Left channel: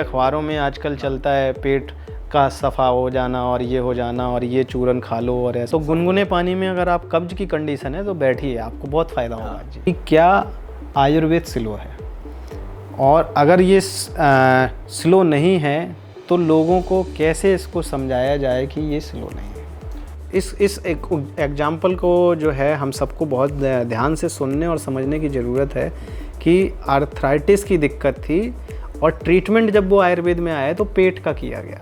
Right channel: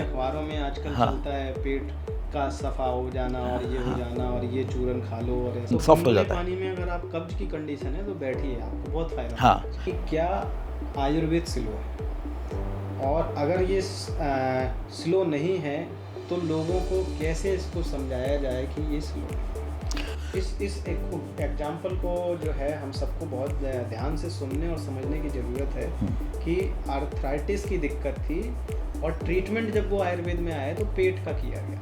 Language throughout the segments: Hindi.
अखबारों में आजकल चलता है पेट का सफ़ा हो जाना और ये हो जाना और ये चूरन खा लो और ऐसा। तो गुनगुने पानी में अगर आप कब्ज की कंडीशन है तो बैठिए, आपको बहुत फ़ायदा होगा। कि क्या आयुर्वेद स्लो है, और अगर ये स्लो नहीं है तो लोगों को कैसे इसको समझाया जाए कि ये स्लो नहीं है। इस एक एग्जाम्पल को जो है हम सबको बहुत ध्यान से सुनने और समझने की ज़रूरत है कि आर्थराइटिस की दिक्कत थी और ट्रीटमेंट जब वो आयुर्वेद में आया तो पेट का किया गया।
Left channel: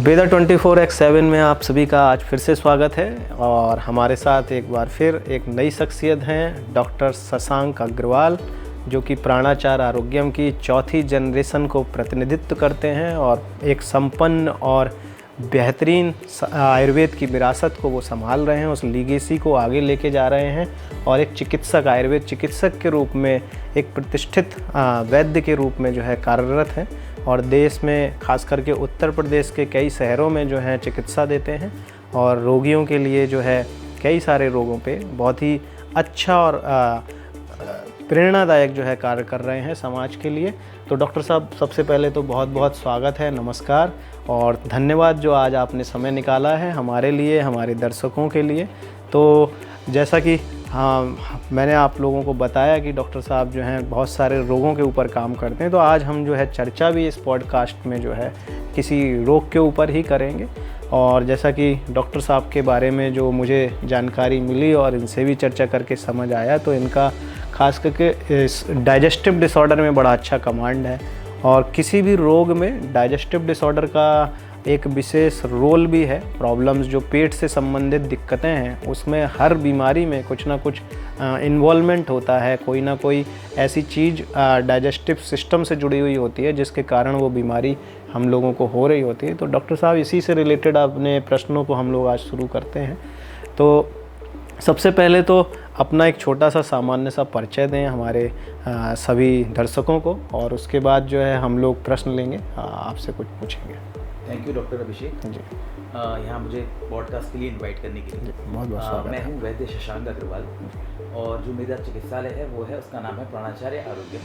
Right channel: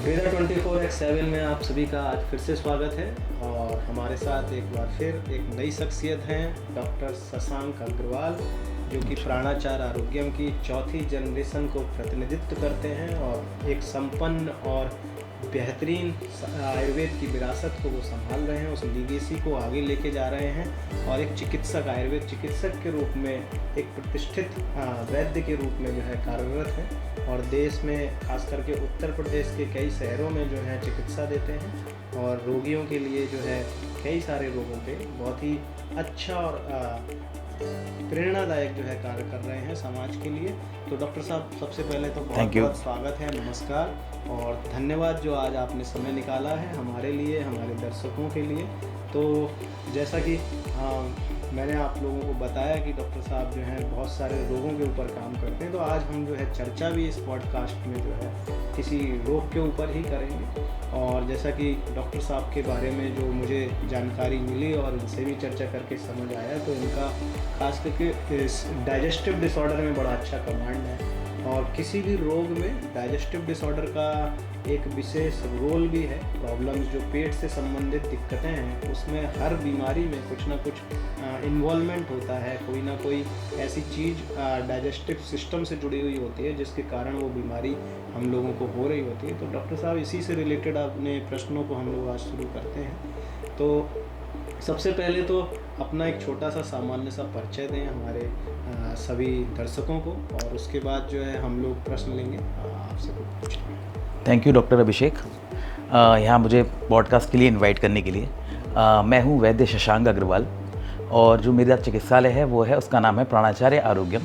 वेदा 24/7 में आप सभी का आज फिर से स्वागत है और हमारे साथ एक बार फिर एक नई शख्सियत हैं डॉक्टर शशांक अग्रवाल, जो कि प्राणाचार आरोग्यम की चौथी जनरेशन को प्रतिनिधित्व करते हैं और एक संपन्न और बेहतरीन आयुर्वेद की विरासत को वो संभाल रहे हैं, उस लीगेसी को आगे लेके जा रहे हैं और एक चिकित्सक, आयुर्वेद चिकित्सक के रूप में, एक प्रतिष्ठित वैद्य के रूप में जो है कार्यरत हैं और देश में खास करके उत्तर प्रदेश के कई शहरों में जो है चिकित्सा देते हैं और रोगियों के लिए जो है कई सारे रोगों पे बहुत ही अच्छा और प्रेरणादायक जो है कार्य कर रहे हैं समाज के लिए। तो डॉक्टर साहब, सबसे पहले तो बहुत बहुत स्वागत है, नमस्कार और धन्यवाद जो आज आपने समय निकाला है हमारे लिए, हमारे दर्शकों के लिए। तो जैसा कि मैंने आप लोगों को बताया कि डॉक्टर साहब जो हैं बहुत सारे रोगों के ऊपर काम करते हैं, तो आज हम जो है चर्चा भी इस पॉडकास्ट में जो है किसी रोग के ऊपर ही करेंगे। और जैसा कि डॉक्टर साहब के बारे में जो मुझे जानकारी मिली और इनसे भी चर्चा करके समझ आया, तो इनका खास करके इस डाइजेस्टिव डिसऑर्डर में बड़ा अच्छा कमांड है और किसी भी रोग में डाइजेस्टिव डिसऑर्डर का एक विशेष रोल भी है। प्रॉब्लम्स जो पेट से संबंधित दिक्कतें हैं उसमें हर बीमारी में कुछ ना कुछ इन्वॉल्वमेंट होता है, कोई ना कोई ऐसी चीज़ डाइजेस्टिव सिस्टम से जुड़ी हुई होती है जिसके कारण वो बीमारी हम लोगों को हो रही होती है। तो डॉक्टर साहब, इसी से रिलेटेड अपने प्रश्नों को हम लोग आज शुरू करते हैं। तो सबसे पहले तो अपना एक छोटा सा सामान्य सा परिचय दें हमारे सभी दर्शकों को और उसके बाद जो है हम लोग प्रश्न लेंगे, आपसे कुछ पूछेंगे। थैंक यू डॉक्टर अभिषेक, यहाँ मुझे पॉडकास्ट के लिए इनवाइट करने के लिए। मैं हूँ वैद्य शशांक अग्रवाल और जो मेरा चिकित्सालय है वो है, उसका नाम है प्राणाचार्य आरोग्यम,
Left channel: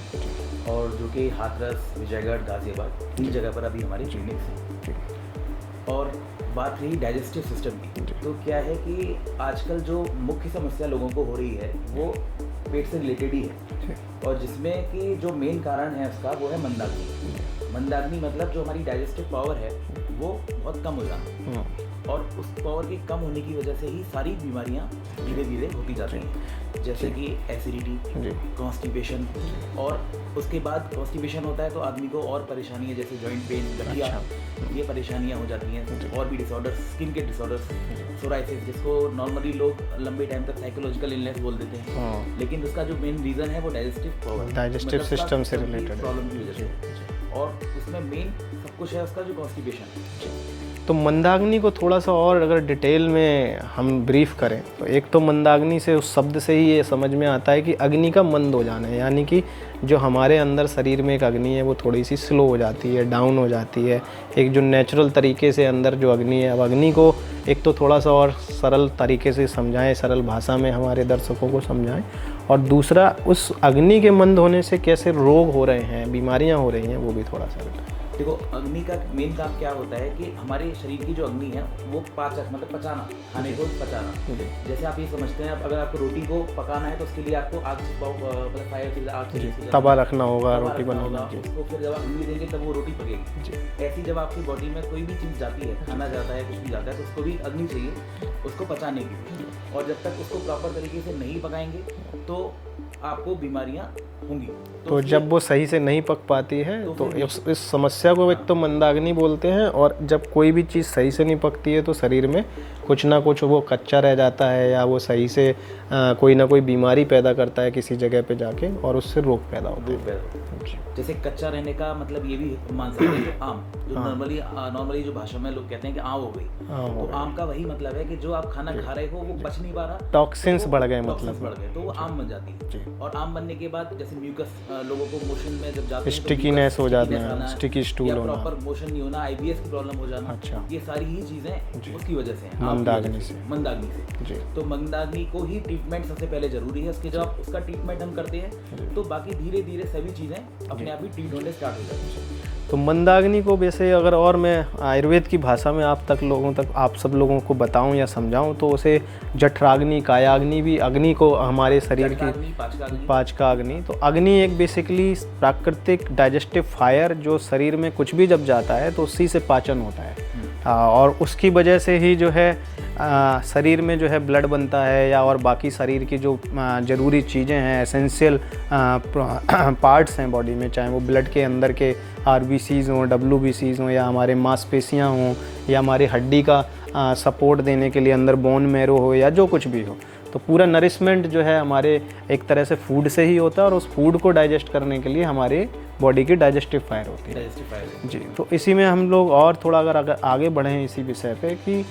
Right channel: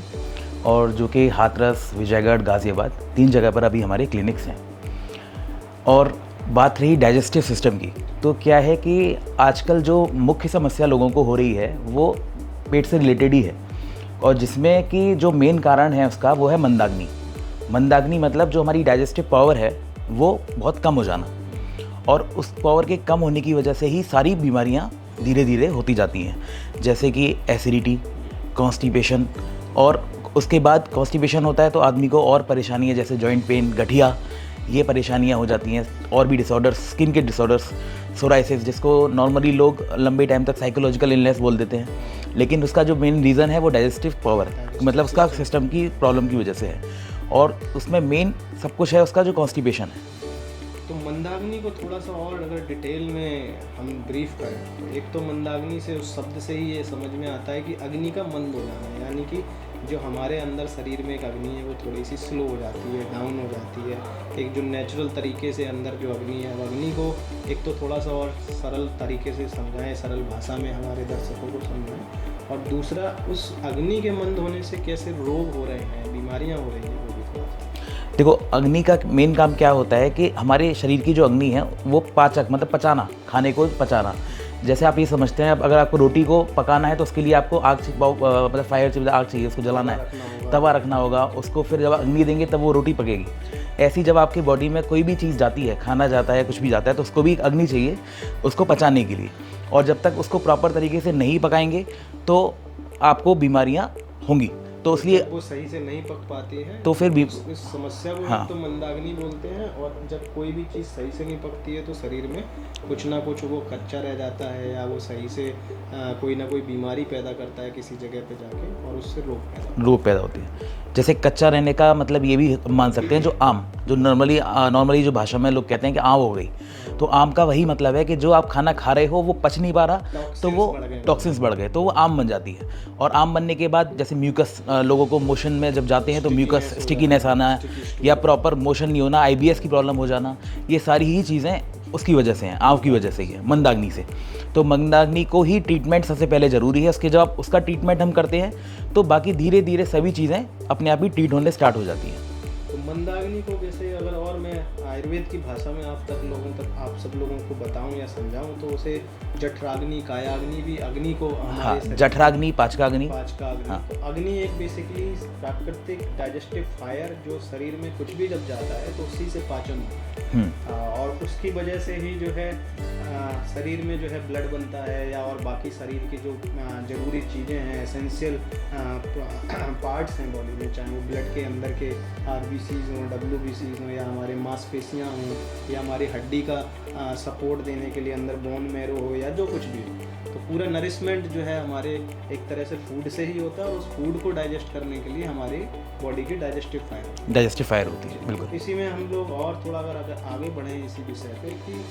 और जो कि हाथरस, विजयगढ़, गाज़ियाबाद 3 जगह पर अभी हमारे क्लिनिक्स हैं। और बात रही डाइजेस्टिव सिस्टम की, तो क्या है कि आजकल जो मुख्य समस्या लोगों को हो रही है वो पेट से रिलेटेड ही है, और जिसमें कि जो मेन कारण है उसका वो है मंदाग्नि। मंदाग्नि मतलब जो हमारी डाइजेस्टिव पावर है वो बहुत कम हो जाना, और उस पावर के कम होने की वजह से ही सारी बीमारियां धीरे धीरे होती जाती हैं, जैसे कि एसिडिटी, कॉन्स्टिपेशन, और उसके बाद कॉन्स्टिपेशन होता है तो आदमी को और परेशानियाँ जैसे जॉइंट पेन, गठिया, ये परेशानियाँ हो जाती हैं। और भी डिसऑर्डर्स, स्किन के डिसऑर्डर्स, सोराइसिस, जिसको नॉर्मली लोग लंबे टाइम तक साइकोलॉजिकल इलनेस बोल देते हैं, लेकिन उसका जो मेन रीज़न है वो डाइजेस्टिव पावर, मतलब उसका सिस्टम की प्रॉब्लम की वजह से है, और उसमें मेन सब कुछ है उसका जो कॉन्स्टिपेशन है। तो मंदाग्नि को थोड़ा सा और अगर डिटेल में हम ब्रीफ करें तो एक तो मंदाग्नि से, उस शब्द से ही ये समझ में आता है कि अग्नि का मंद हो जाना है, यानी कि जो हमारे अंदर शरीर में एक अग्नि है वो थोड़ी सी स्लो हो जाती है, डाउन हो जाती है। एक जो नेचुरल तरीके से अंदर जो अग्नि है, अब अग्नि को एक तो थोड़ा सा और सरल तरीके से समझाएं, सरल भाषा में हमारे दर्शकों को समझाएं, और दूसरा उस अग्नि के मंद होने से कैसे रोग हो रहे हैं, बीमारियां हो रही हैं, वो भी थोड़ा सा। देखो, अग्नि का मेन काम क्या होता है कि हमारे शरीर की जो अग्नि है वो पाचक, मतलब पचाना, खाने को पचाना। जैसे आप ये समझते हैं, अगर आपको रोटी को पकाना है तो उसके लिए आपको आग, मतलब फायर से आग चाहिए, उसको तवा रखना होगा, उसको फिर जब अग्नि देंगे तब वो रोटी पकेगी। ऐसी जब आपकी बॉडी में कोई भी चीज़ जाती है, खाना जाता है, कुछ भी जाता है, तो उसको भी अग्नि चाहिए उसको पचाने के लिए, और जब तक उसको प्रॉपर तरीके से नहीं पकाएंगे तो आपको बीमारियाँ होंगी। तो जब वो सही से नहीं पक पाती है तो फिर इस समस्या को एक तो मंदाग्नि बोलते हैं, और जब कोई भी चीज़ सही से नहीं पकती है तो शरीर में कुछ ना कुछ वो कच्चा रह जाता है, या वो सही से कोई ना कोई बीमारी पैदा करता है किसी जगह पे जाके, और उससे रोग पैदा होती है। जैसे कच्चा रहने का मतलब ये भी मान सकते हैं, जो आम, जो नॉर्मली जो भाषा में लोग कहते हैं कि आम हो गई, तो आम का वही मतलब है कि जो आप खाना खा रहे हो वो पच नहीं पा रहा, टॉक्सिन्स बढ़ गए तो वो आम बन जाती है। और आम बनने के बाद जैसे म्यूकस, लोगों को मोशन में जब जाते हैं तो म्यूकस, स्टिकीनेस आना, या प्रॉपर मोशन नहीं होना, IBS की प्रॉब्लम हो जाना, ये सारी ही चीज़ें उसकी वजह से हैं, आम की वजह से, मंदाग्नि से। तो मंदाग्नि को ही ट्रीटमेंट सबसे पहले ज़रूरी है। उसके जब उसका ट्रीटमेंट हम करते हैं तो बाकी धीरे धीरे सभी चीज़ें अपने आप ही ट्रीट होने स्टार्ट हो जाती हैं। तो मंदाग्नि को वैसे अगर और मैं आयुर्वेद की भाषा में आप सब लोगों को बताऊं या समझाऊं तो उसे जठराग्नि, कायाग्नि भी अग्नि को हमारे शरीर जठराग्नि, पाचकाग्नि। तो अग्नि एक बेसिकली प्राकृतिक डाइजेस्टिव फायर जो शरीर में कुछ भी जब जाता है तो उसी से पाचन होता है। और उसकी वजह से ही जो है शरीर में जो है ब्लड बनता है या और बाकी शरीर की जो ज़रूरी चीज़ें हैं, एसेंशियल पार्ट्स हैं बॉडी में, चाहे वो ब्लड के अंदर के RBCs हों, WBCs हों या हमारे मांसपेशियां हों या हमारे हड्डी का सपोर्ट देने के लिए अंदर बोन मैरो हो या जो कुछ भी हो, तो पूरा नरिशमेंट जो है हमारे एक तरह से फूड से ही होता है और उस फूड को डाइजेस्ट करने के लिए हमारे बॉडी की डाइजेस्टिव फायर होती है। तो इसी में हम लोग और थोड़ा अगर आगे बढ़ें इसी विषय पे कि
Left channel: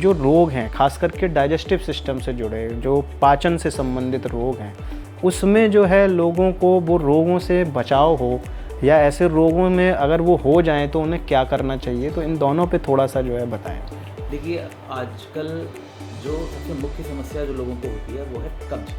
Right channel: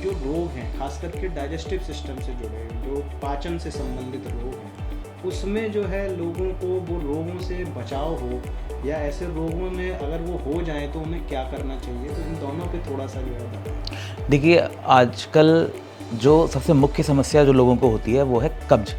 जो रोग हैं खास करके डाइजेस्टिव सिस्टम से जुड़े, जो पाचन से संबंधित रोग हैं, उसमें जो है लोगों को वो रोगों से बचाव हो या ऐसे रोगों में अगर वो हो जाएं तो उन्हें क्या करना चाहिए, तो इन दोनों पे थोड़ा सा जो है बताएं। देखिए, आजकल जो सबसे मुख्य समस्या जो लोगों को होती है वो है कब्ज,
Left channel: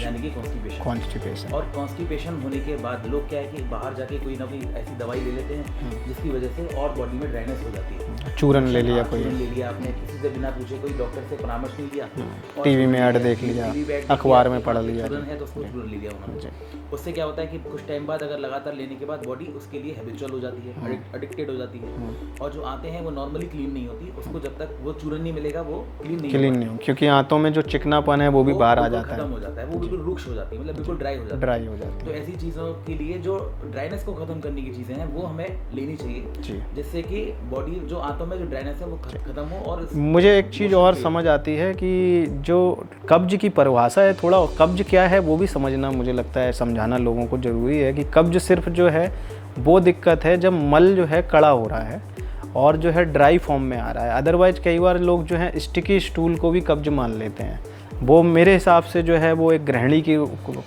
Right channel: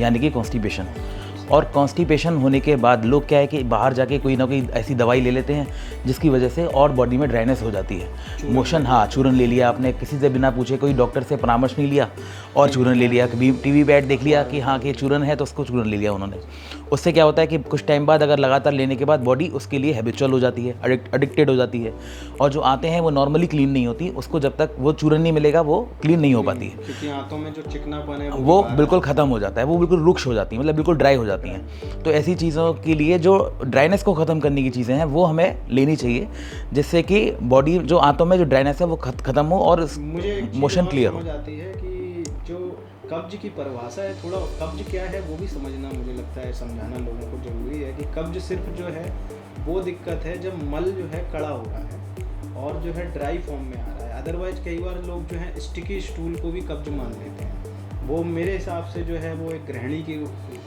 यानी कि कॉन्स्टिपेशन। और कॉन्स्टिपेशन होने के बाद लोग क्या है कि बाहर जाके कोई ना कोई ऐसी दवाई ले लेते हैं जिसकी वजह से और बॉडी में ड्राइनेस हो जाती है। चूरन ले लिया आपने, किसी से बिना पूछे, कोई डॉक्टर से परामर्श नहीं लिया और चूरन ले लिया, टीवी पे ऐड देख लिया कि हाँ कि चूरन है तो उसको चूरन ले लिया उन्होंने। उससे क्या होता है कि कुछ टाइम बाद अगर लगातार लेने के बाद बॉडी उसके लिए हैबिचुअल हो जाती है, एडिक्टेड हो जाती है, और जो आते हैं वो नॉर्मली क्लीन नहीं होती, उसको जब तक वो चूरन नहीं मिलेगा वो क्लीन नहीं हो पाती, क्योंकि आंतों में जो चिकनापन है वो बिल्कुल खत्म हो जाता है, वो बिल्कुल रुक्ष हो जाती है, मतलब बिल्कुल ड्राई हो जाती है। तो ऐसी चीज़ों के लिए जो ड्राइनेस को ख़त्म करने की चीज़ें हैं वो हमें लेनी चाहिए, जिससे कि बॉडी जो आंतों में जो ड्राइनेस है वो खत्म हो। और मुझे एक चीज़ और समझ आती है कि जो कब्ज की परिभाषा है, थोड़ा कब्ज क्या है वो भी समझना मुझे लगता है, समझाना लोगों को ज़रूरी है कि कब्ज सिर्फ जो है वो दिक्कत है जब मल जो है कड़ा हो रहा है और जो है ड्राई फॉर्म में आ रहा है। अदरवाइज कई बार लोग जो है स्टिकी स्टूल को भी कब्ज मान लेते हैं। वो मेरे हिसाब से जो है वो एक गृहिणी की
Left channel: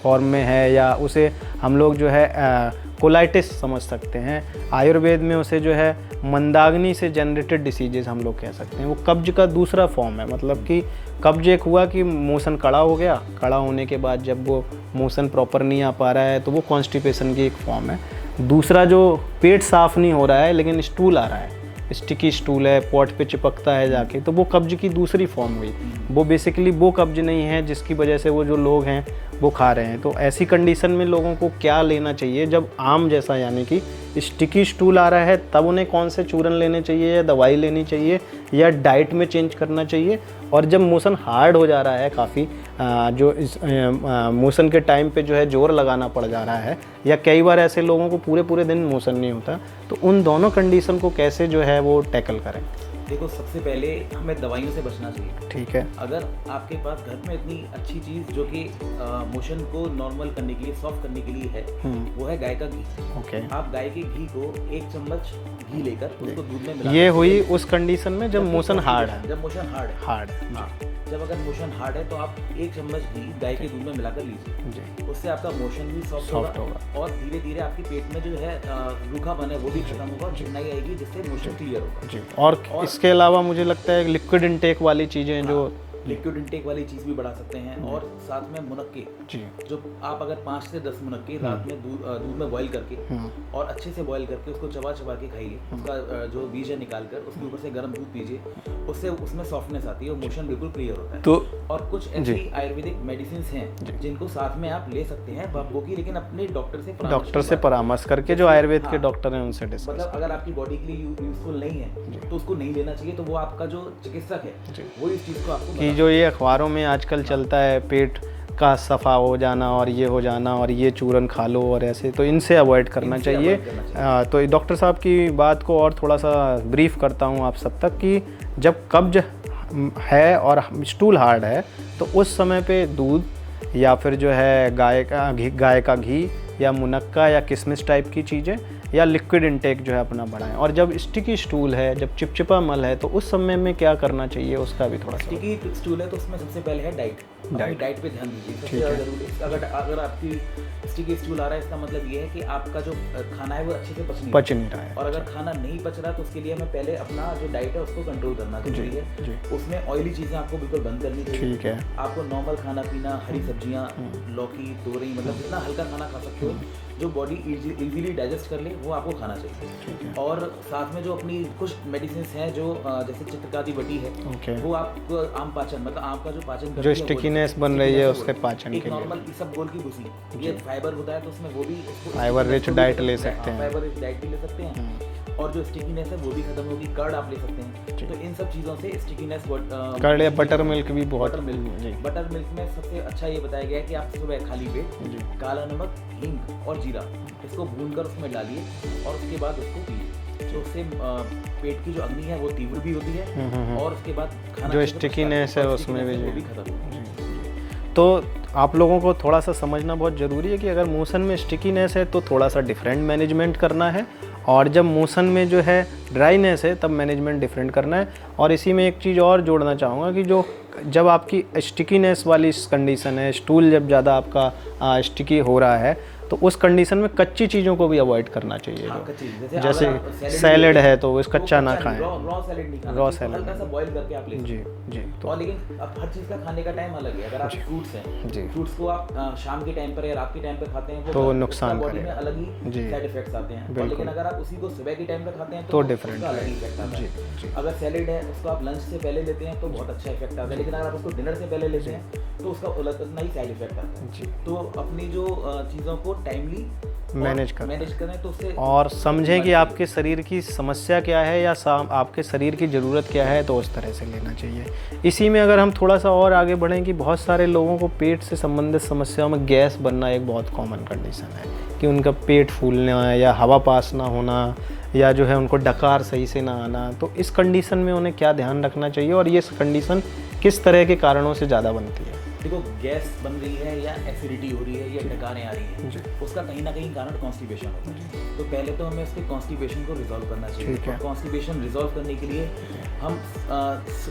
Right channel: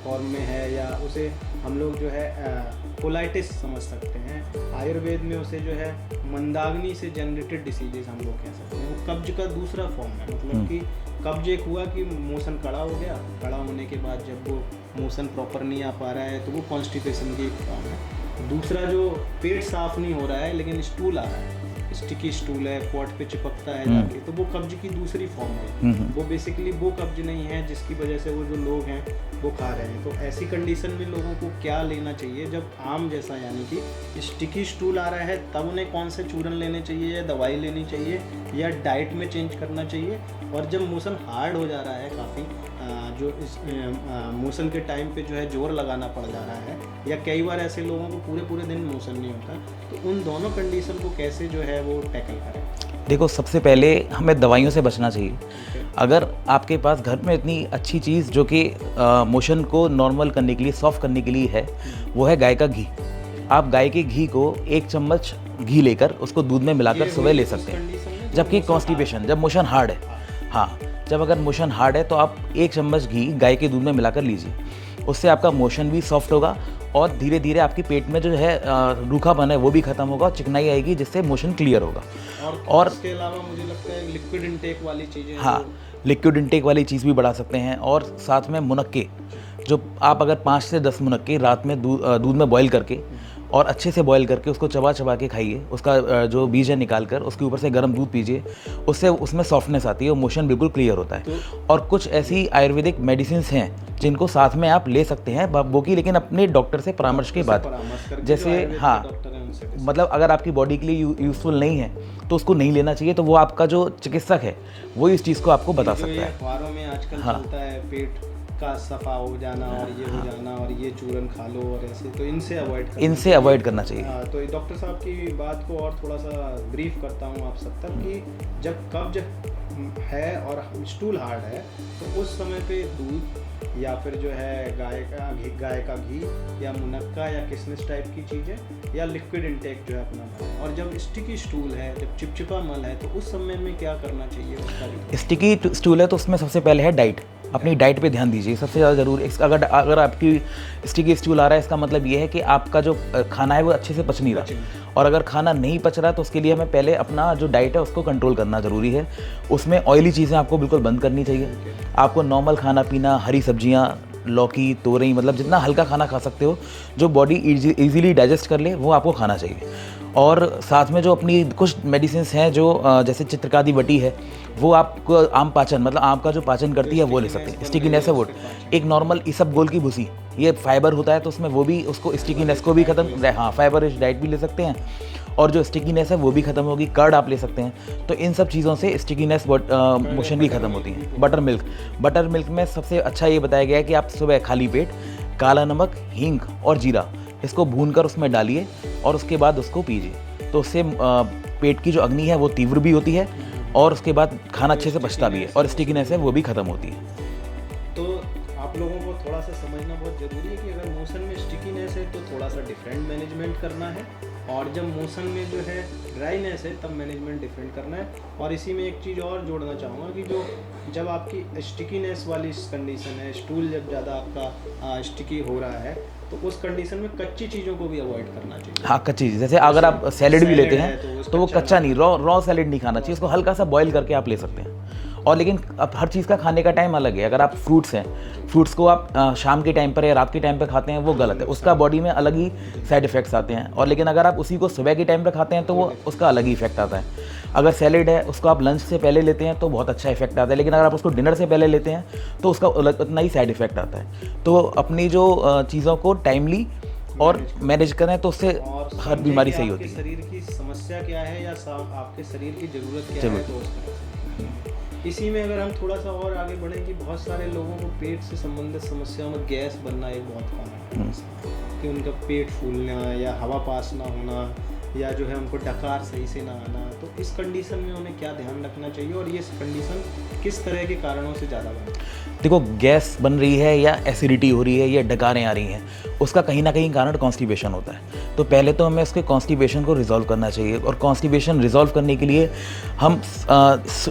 फॉर्म में है या उसे हम लोग जो है कोलाइटिस समझ सकते हैं। आयुर्वेद में उसे जो है मंदाग्नि से जनरेटेड डिसीजेज हम लोग कह सकते हैं। वो कब्ज का दूसरा फॉर्म है, मतलब कि कब्ज एक हुआ कि मोशन कड़ा हो गया, कड़ा होने के बाद जब वो मोशन प्रॉपर नहीं आ पा रहा है तो वो कॉन्स्टिपेशन की एक फॉर्म है। दूसरा जो पेट साफ नहीं हो रहा है लेकिन स्टूल आ रहा है, स्टिकी स्टूल है, पॉट पे चिपकता है जाके, तो वो कब्ज की दूसरी फॉर्म हुई। वो बेसिकली वो कब्ज नहीं है जिसकी वजह से वो जो लोग हैं वो खा रहे हैं। तो ऐसी कंडीशन में लोगों को क्या लेना चाहिए जब आम जैसा यानी कि स्टिकी स्टूल आ रहा है, तब उन्हें कौन से चूरन लेने चाहिए या दवाई लेनी चाहिए या डाइट में चेंज करना चाहिए? और जब मोशन हार्ड हो जा रहा है काफ़ी, जो इस मोशन के टाइम पे जो है जोर लगाना पड़ जा रहा है, या कई बार ऐसे लोगों को पूरे दिन मोशन नहीं होता, तो उन दोनों कंडीशन को कैसे जो है वो टैकल करें? देखो, सबसे पहले हमें दवाइयों से बचना चाहिए। ठीक है। अगर आपके पास घर में इतनी अच्छी चीज़ जो कि मोशन को नॉर्मल करने के लिए, सॉफ्ट करने के लिए है, वो है गाय का घी। आप गाय के घी को 1 चम्मच घी लेकर उसको दूध में मिलाकर ये हुई उस कंडीशन में जब मोशन हार्ड है। हाँ, जब अगर मोशन हार्ड है तो आप 1 चम्मच घी गाय के दूध में मिलाकर लीजिए। उससे आपका मोशन भी सॉफ्ट होगा और धीरे धीरे आपके पेट में जो है रूखापन है वो भी खत्म होगा, चिकनाई आएगी, जिससे मोशन क्लियर होगा। और इसके अलावा मुझे लगता है लिक्विड इनटेक वाली चीज़ें, हाँ, लिक्विड इनटेक वाली चीज़ भी बढ़ा सकते हैं। और साथ में मुनक्के, जो आप अगर 5 से 10 मुनक्के रात में दूध में बॉईल करके और अच्छे से बॉईल करके उसको चबा के खाइए, उसका जो बीज है निकाल कर उसके ऊपर से गर्म दूध पीजिए, उससे उसमें सॉफ्टनेस आती है और मोशन बिल्कुल क्लियर होता है। तो और कुछ ऐसी आयुर्वेदिक मेडिसिन हैं जिनको साथ में आप ले सकते हैं वो की, लेकिन अपने डॉक्टर से परामर्श करके, जो आयुर्वेद के डॉक्टर हैं उनसे। मतलब अगर आपकी बॉडी के लिए यूजफुल नहीं है तो उसको नहीं लेना चाहिए, तो वो आपका जो चिकित्सक है वो इस चीज़ को आपको बता। जो ये अखबारों में आजकल चलता है, पेट का सफ़ा हो जाना और ये हो जाना और ये चूरन खा लो और ऐसे, तो इनसे अवॉइड करना चाहिए। तो डॉक्टर साहब की बात को और थोड़ा सा ब्रीफ करता हूँ आप सब तक कि जब कब्ज है और स्टूल हार्ड है तो उस समय पे दूध या फिर जो है गाय का घी या मुनक्का या किशमिश टाइप की चीज़ें या लिक्विड इनटेक जो है अपना बढ़ाएं। और जब स्टिकी स्टूल है, जब चिपचिपा मल है, तो उस समय में क्या करना चाहिए उसका भी थोड़ा। स्टिकी स्टूल है तो उसमें सबसे पहले है डाइट। अपनी डाइट पे ध्यान दीजिए, सबसे ज़्यादा ज़रूरी। अगर आपकी स्टिकी स्टूल आ रहा है, इसका मतलब ये है कि आपका जो खाना है वो अच्छे से पच नहीं रहा। और अगर खाना नहीं पच रहा तो उसके लिए हमें पहले अपना जो डाइट है उसको कंट्रोल करना ज़रूरी है। उसमें ऑयली चीज़ें आपको बिल्कुल बंद करनी चाहिए। आपको नॉर्मल खाना पीना, हरी सब्जियाँ, लौकी, तोरई, मतलब जितना हल्का खाना खा सकते सकते हो जो बॉडी इजीली डाइजेस्ट कर ले, वो आपको खाना चाहिए। और साथ में जो अपनी कुछ मेडिसिन हैं जो जैसे चित्रकादी वटी है, वो आपको आम पाचन, मतलब आम का जो पाचन करती है वो स्टिकीनेस है वो। एक नॉर्मल इसबगोल की भूसी, ये फाइबर होता है तो उसमें वो भी उसको स्टिकीनेस को भी खत्म, हाँ फाइबर रिच डाइट भी ले सकते हैं, और जो स्टिकीनेस है वो भी खत्म होगी। कर्ड आप ले सकते हैं, तो इन सब चीज़ों से स्टिकीनेस भी खत्म होती है। बटर मिल्क में सबसे अच्छा ये बताया गया है कि आप सुबह खाली पेट काला नमक, हींग और जीरा इसको भूनकर उसमें डालिए और उसके बाद उसको पीजिए, तो उससे पेट की जो अग्नि है वो तीव्र भी होती है और उसके बाद खाना अच्छे से पचता है और स्टिकीनेस है वो भी खत्म होती है। तो आप लोगों को थोड़ा सा समझना बहुत ज़रूरी है कि अगर मोशन में स्टिकीनेस है तो थोड़ा सा डिफरेंट मैनेजमेंट करना है, और जब मोशन में जो है ड्राइनेस है तब मैनेजमेंट डिफरेंट करना है। और इसी में एक चीज़ और जोड़ना चाहूँगा कि जब आपकी स्टिकीनेस वाली कंडीशन है, स्टूल जब ज़्यादा आपका स्टिकी हो रहा है, तो उस कंडीशन में कच्ची चीज़ों को भी अवॉइड करना चाहिए। हाँ, कच्ची चीज़, जैसे अगर आप सैलेड है तो कच्चा नहीं, रॉ सैलेड नहीं खाना चाहिए, इसको हल्का सा बॉईल करके आप ले सकते हैं। और लेकिन अब हर चीज़ का खाने का टाइम अलग है। अगर आप फ्रूट्स हैं, फ्रूट्स को आप शाम के टाइम पर या रात के टाइम पर खाते हैं वो गलत है, उसका बॉडी में अलग ही साइड इफेक्ट्स आते हैं। और लेकिन अगर आप उसी को सुबह के टाइम पर खाते हैं तो उसका अलग ही इफेक्ट आता है। अगर सैलेड है उसको आप लंच से पहले लेते हैं तो बहुत अच्छा इफेक्ट आता है, लेकिन अगर आप उसको डिनर से पहले लेते हैं तो उसका उतना ही साइड इफेक्ट आता है। तो अपनी जो चीज़ों को टाइमली और मैनेज करें तो उससे, और समझें कि आपके शरीर की समस्या क्या है या आपके शरीर की ज़रूरत क्या है, तो उस तरह से लेना चाहिए। इसी में अगर हम थोड़ा सा और आगे बढ़ें कि बहुत सारे लोगों को पेट से संबंधित समस्याओं में गैस बनना एक बहुत कॉमन कंडीशन है कि उनका पेट फूलना या हवा पास ना होना या जो है उनको डकार सही से ना आना। तो इस कंडीशन में उन्हें क्या ध्यान रखना चाहिए और ये कंडीशन किस तरह के कारणों से ज़्यादा बनती है? देखो, गैस बन रही है या एसिडिटी हो रही है या डकारें आ रही हैं, उसका कहीं ना कहीं कारण कॉन्स्टिपेशन होता है। तो पहले तो हमें उसके कॉन्स्टिपेशन को रिजॉल्व करना चाहिए, और कॉन्स्टिपेशन रिजॉल्व करने के लिए हम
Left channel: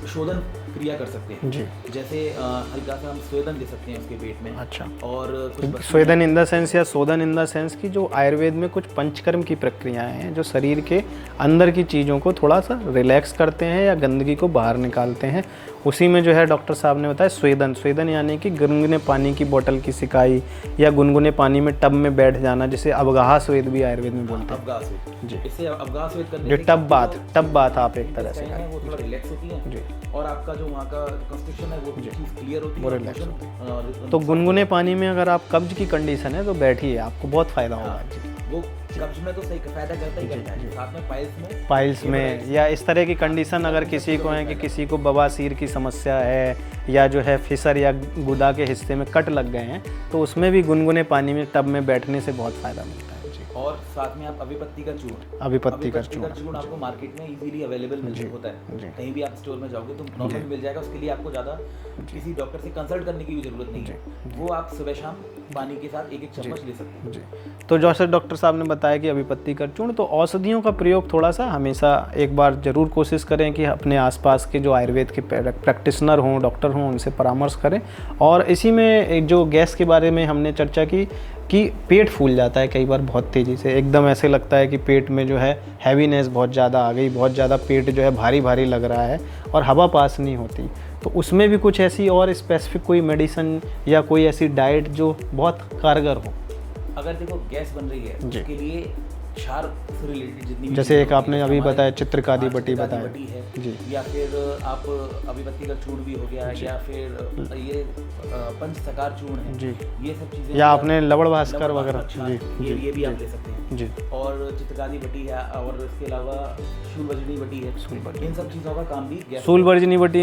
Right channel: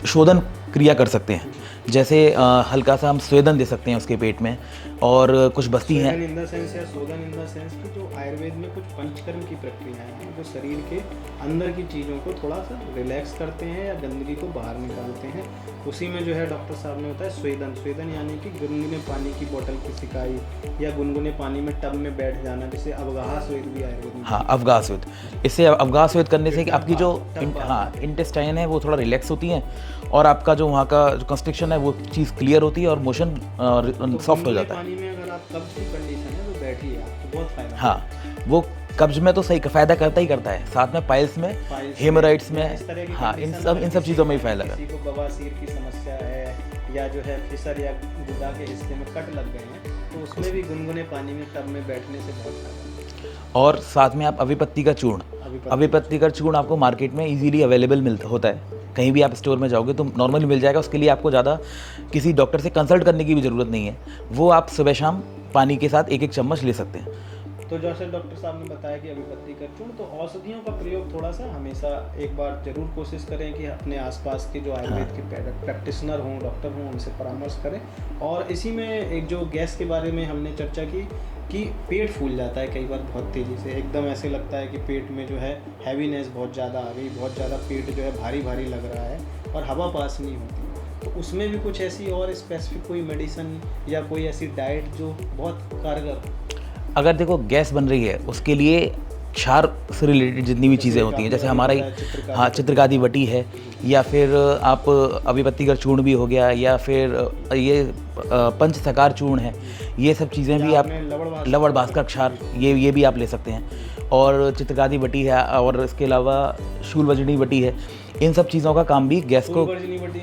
शोधन क्रिया कर सकते हैं। जैसे हल्का सा हम स्वेदन दे सकते हैं उसके पेट में। अच्छा। और कुछ बस्ती स्वेदन इन द सेंस या शोधन इन द सेंस की जो आयुर्वेद में कुछ पंचकर्म की प्रक्रियाएं हैं जो शरीर के अंदर की चीज़ों को थोड़ा सा रिलैक्स करते हैं या गंदगी को बाहर निकालते हैं। उसी में जो है डॉक्टर साहब ने बताया स्वेदन यानी कि गुनगुने पानी की बोतल की सिकाई या गुनगुने पानी में टब में बैठ जाना, जिसे अवगाह स्वेद भी आयुर्वेद में। हाँ, अवगाह स्वेद। इससे अवगाह स्वेद करने से आपकी जो टब बात आप इंटेस्टाइन है वो थोड़ा रिलैक्स होती है और आपका जो वहाँ का कंस्ट्रिक्शन है वो चीज़ क्लियर होती है और मोशन। तो गुनगुने पानी में अगर आप कब्ज की कंडीशन है तो बैठिए, आपको बहुत फायदा होगा। हाँ, वो कब्ज में तो सही फायदा करता ही करता है, साथ में पाइल्स हेमोराइड्स या इस तरह की कंडीशन अगर किसी को बवासीर की समस्या है या जो है फिसर या गुदा के हिस्से में कट लग गए हैं तो उसमें भी गुनगुने पानी में टब में बैठने से बहुत फायदा मिलता है। और साथ में आप अभिपत्ति का चूर्ण आपको मार्केट में इजीली अवेलेबल होता है, कहीं भी आप स्टोर में जाओगे तो नॉर्मली मिल जाएगा। उसके लिए आपको ज़्यादा किसी डॉक्टर से कंसल्ट करने की भी ज़रूरत नहीं है, वो आप सुबह शाम पानी के साथ एक चम्मच ले सकते हैं। तो जैसे डॉक्टर साहब ने बताया कि अभिपत्ति का चूर्ण, तो औषधियों का प्रयोग थोड़ा सा हमेशा एक बार ज़रूर कोशिश करें कि अपने आसपास के जो आयुर्वेद के प्रैक्टिशनर हों, डॉक्टर हों, उनसे परामर्श करें। और इसी में एक जो गैस के बारे में हमने चर्चा की कि पेट फूल जाता है कई बार बहुत तेज़ी से, एकदम ऐसे लगता है कि पेट में जो है हैवीनेस बहुत ज़्यादा आ गई, बहुत ज़्यादा पेट जो है भारी भारी लग रहा है और हवा पास नहीं होती। तो उसमें भी कुछ ऐसी और स्पेसिफिक कोई मेडिसिन या कोई ऐसी डाइट जो बहुत कारगर हो? अगर देखो गैस बन रही है उसके लिए क्षार से रिलेटेड जितनी भी चीज़ें होती हैं, जैसे हमारे चित्रकादी वटी है या फिर आप अभिपत्ति का चूर्ण भी हो गया या फिर ये पंचसकार चूर्ण है, ये सब चीज़ें भी आपने लवण भास्कर क्षार ये भी आप ले सकते हैं। और चित्रकादी वटी है और इसके अलावा शूलवर्जनी वटी है, इन सब चीज़ों का काम भी गैस। शूलवर्जनी वटी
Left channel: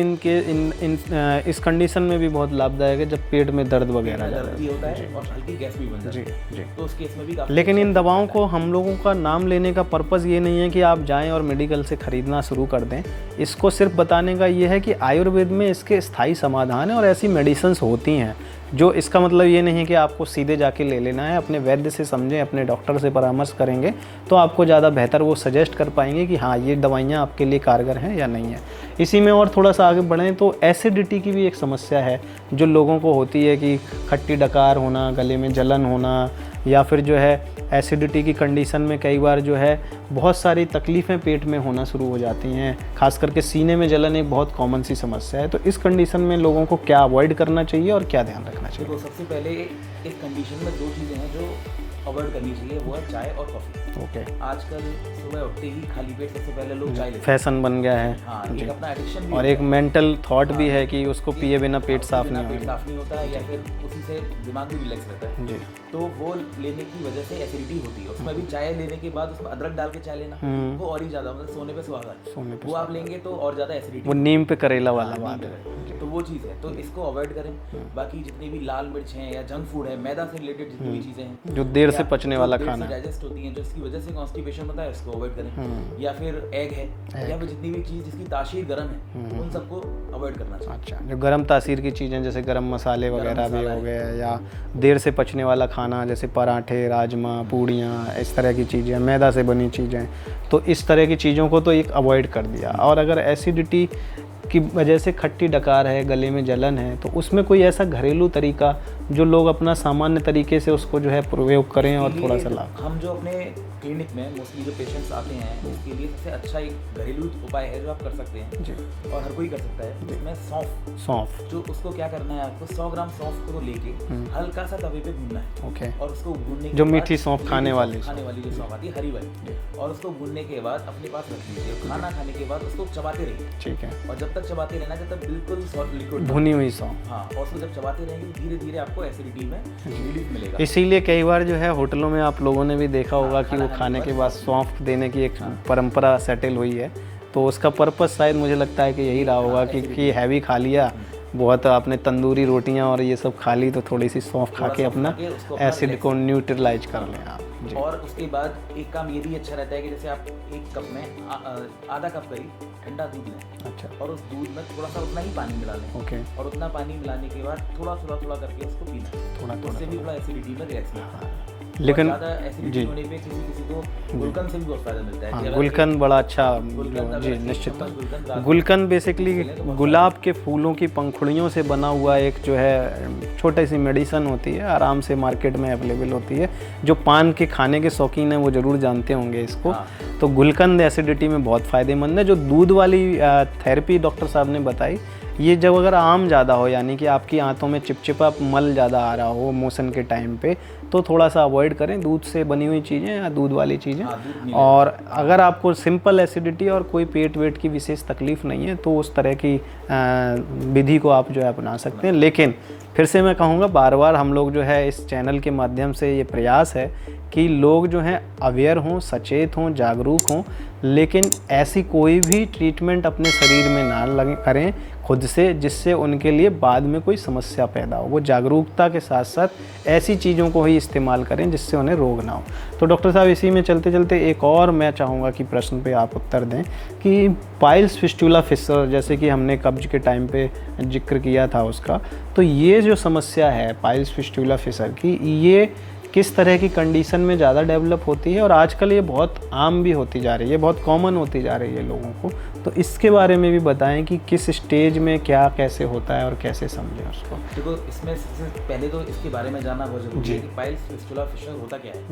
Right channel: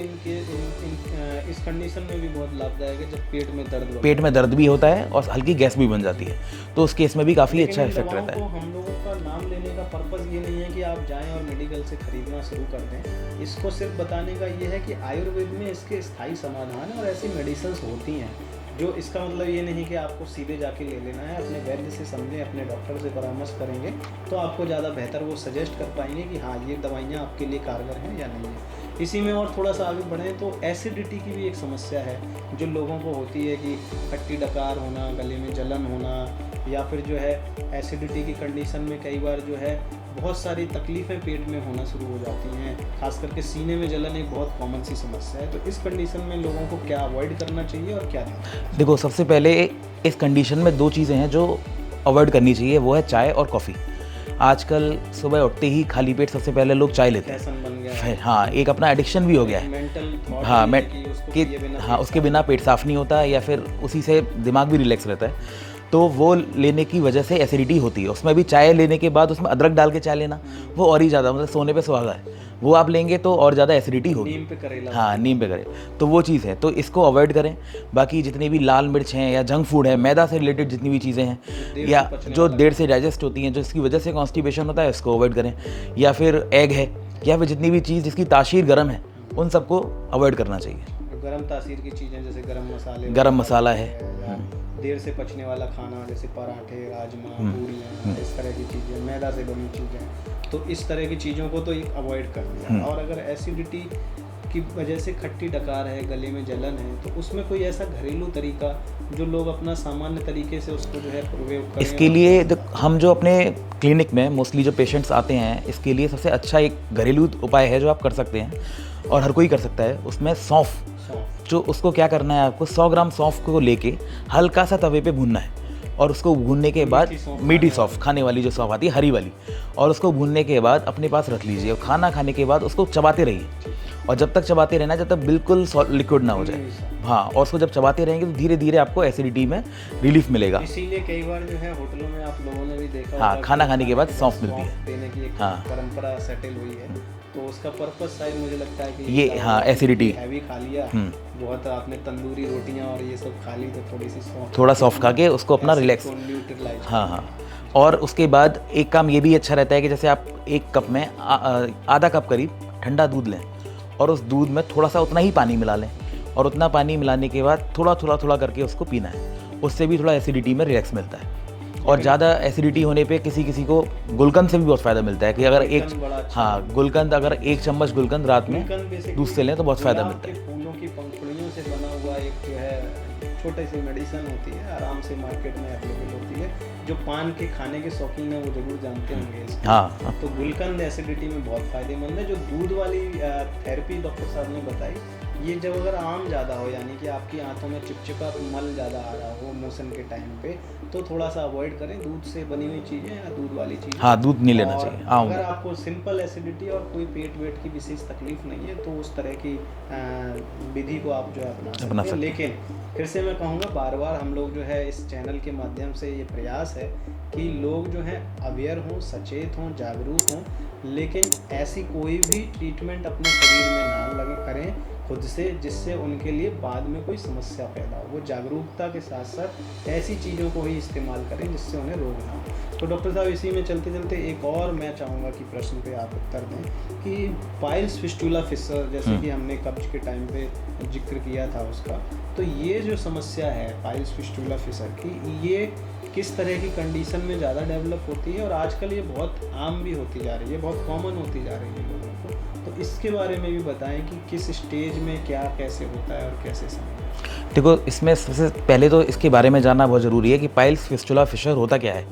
इस कंडीशन में भी बहुत लाभदायक है जब पेट में दर्द भी होता है और हल्की गैस भी बन जाती है, तो उस केस में भी काफ़ी। लेकिन इन दवाओं को हम लोगों का नाम लेने का पर्पज़ ये नहीं है कि आप जाएं और मेडिकल से ख़रीदना शुरू कर दें। इसको सिर्फ बताने का ये है कि आयुर्वेद में इसके स्थायी समाधान है और ऐसी मेडिसिन्स होती हैं जो, इसका मतलब ये नहीं कि आपको सीधे जाके ले लेना है। अपने वैद्य से समझें, अपने डॉक्टर से परामर्श करेंगे तो आपको ज़्यादा बेहतर वो सजेस्ट कर पाएंगे कि हाँ ये दवाइयाँ आपके लिए कारगर हैं या नहीं है। इसी में और थोड़ा सा आगे बढ़ें तो एसिडिटी की भी एक समस्या है जो लोगों को होती है कि खट्टी डकार होना, गले में जलन होना, या फिर जो है एसिडिटी की कंडीशन में कई बार जो है बहुत सारी तकलीफ़ें पेट में होना शुरू हो जाती हैं, खास करके सीने में जलन एक बहुत कॉमन सी समस्या है। तो इस कंडीशन में लोगों को क्या अवॉइड करना चाहिए और क्या ध्यान रखना चाहिए? देखो, सबसे पहले इस कंडीशन में दो चीज़ें हैं जो अवॉइड करनी चाहिए वो है चाय और कॉफ़ी। आजकल सुबह उठते ही खाली पेट सबसे पहले लोग चाय लेते हैं, फैशन बन गया है। हाँ, एक अपना एडिक्शन भी हो गया एक है। मेंटल थॉट हाँ, भी है कि उसको पिए बिना पेट उसके बिना पेट साफ नहीं होता, या फिर उसी से दिमाग भी रिलैक्स रहता है। तो वो लेने की वजह से एसिडिटी होती है। उसमें भी चाय लेने के बाद उसमें अदरक डाल के चाय लेना, वो और ही ज़्यादा, मतलब सोने पे सुहागा है, वो आप लेंगे तो और ज़्यादा एसिडिटी। नीम पे करेला। हाँ, नीम पे करें, तो वो चीज़ है, तो इसको अवॉइड करें। बाकी जितनी भी लाल मिर्च हैं या जंक फूड है, मैदा से रिलेटेड जितनी भी चीज़ें हैं जो देर से पचने वाला, जो देर से डाइजेस्ट होती हैं, जो इसकी वजह से कॉन्स्टिपेशन होता है, इसको अवॉइड करें। या फिर एग है, या फिर जितनी भी चीज़ जिसकी तासीर गर्म है, उन सबको अवॉइड करना चाहिए। जो गर्म तासीर की चीज़ें जैसे गरम मसाले, गरम मसाला है, या देर से पचने वाला खाना जैसे पराठे, राजमा, पूड़ियाँ, इस तरह की चीज़ें, मैदा से बनी चीज़ें, तो इस तरह की चीज़ों को तो एक अवॉइड कर दिया। और अगर एसिडिटी की वजह से खट्टी डकार है, गले में जलन है, तो उसमें कोई ऐसा घरेलू तरीका जो लोग अपना सामान्य तरीके से उसको जो है प्रयोग करें? इसके लिए हम जो अपने क्लिनिक में मोस्टली जो पेशेंट्स आते हैं, इसके लिए सबसे अच्छा एक घरेलू उपाय है जो आप कर सकते हैं, और हर कोई कर सकता है। उसमें सौंफ, जो उसको क्या करना है, आपको 100 ग्राम सौंफ को लेके हल्का सा तवे पे भूनना है, और उसको भूनने के बाद मीठी सौंफ खाने वाली जो सौंफ आती है, हरी वाली, और उसको भूनने के बाद अपने पास रख लीजिए। और खाना खाने के बाद उसको चबाते रहिए, ठीक है, और जब तक चबाते रहना जब तक बिल्कुल लिक्विड ना हो जाए। हाँ, और उसको जब चबाते रहेंगे तो धीरे धीरे आपको एसिडिटी में रिलीफ मिलेगा। इसीलिए कई बार जो है होटलों में आप लोगों ने भी देखा होगा, खाना खाने के बाद सौंफ देने की एक परंपरा सेटल हुई है। तो उसका पर्पस शायद मुझे लगता है कि यही रहा होगा, एसिडिटी हैवी खा लिया, बहुत आपने तंदूरी रोटियां और ये सब खा ली, तो थोड़ी सी सौंफ खा के उसको अपना रिलैक्स को न्यूट्रलाइज करना। और उसके बाद एक काम ये भी अच्छा रहता है कि जैसे आप एक कप में आधा कप करीब ठंडा दूध लें, और उस दूध में थोड़ा सा उतना ही पानी मिला लें, और उतना पानी मिलाने के बाद थोड़ा थोड़ा करके उसको पीना है। उससे भी थोड़ा एसिडिटी में रिलैक्स मिलता है। और ज़्यादा एसिडिटी होने पे किसी को गुलकंद से भी बहुत फायदा मिलता है कि अगर गुलकंद बड़ा अच्छा, गुलकंद अगर 1 चम्मच गुलकंद रात, गुलकंद बेसिकली तो गुलाब के फूलों की पंखुड़ियों से बना हुआ एक जो है छोटी सी मेडिसिन होती है, आराम से मार्केट में अवेलेबल होती है। जो पान के खाने के शौकीन हैं वो जरूर जानते होंगे इसको। तो गुलकंद एसिडिटी में बहुत फ़ायदेमंद है। जो दूध वाली थेरेपी डॉक्टर साहब ने बताई, ये जब अगर आम ज़्यादा हो, यानी कि आपकी आंतों में चिपचिपा मल ज़्यादा आ रहा हो मोशन के टाइम पे, तो थोड़ा सा अवॉइड करें दूध से बनी हुई चीज़ें या दूध वाली चीज़ें। हाँ, दूध नहीं लेना और चाहिए। अगर आपको सिंपल एसिडिटी और कोई पेट वेट की विशेष तकलीफ नहीं है, तो उस तरह की विधि को आप जो है अपना सकते हैं। लेकिन फिर से मैं कहूँगा, बार बार हम लोग जो है इस चैनल के माध्यम से ये प्रयास है कि लोग जो हैं अवेयर हों, सचेत हों, जागरूक हों, लेकिन ऐसी कोई भी ट्रीटमेंट अपने शरीर में ना करें खुद से जिससे उनके लिए बाद में कोई समस्या पैदा हो। वो जागरूकता के साथ साथ ऐसी चीज़ों को ही इस्तेमाल करें जिससे उन्हें रोग ना हो। तो डॉक्टर साहब, इसी में चलते चलते एक और मैं चाहूँगा कि प्रश्न पे आप उत्तर दें कि पाइल्स फिस्टुला फिशर, जैसे कि हमने कब्ज के टाइम पे जिक्र किया था उसका, तो ये जो समस्या है पाइल्स फिस्टुला फिशर की, ये किस तरह की कंडीशन में ज़्यादा डेवलप होती है, और आजकल ये बहुत आम भी होती जा रही है, बहुत कॉमन होती जा रही है लोगों को, तो इसके बारे में भी बताएं कि किस स्टेज में क्या कैसे होता है और कैसे समझें उसको। देखो, इसमें सबसे पहले तो इसके बारे में जानना बहुत ज़रूरी है कि पाइल्स फिस्टुला फिशर होता क्या है।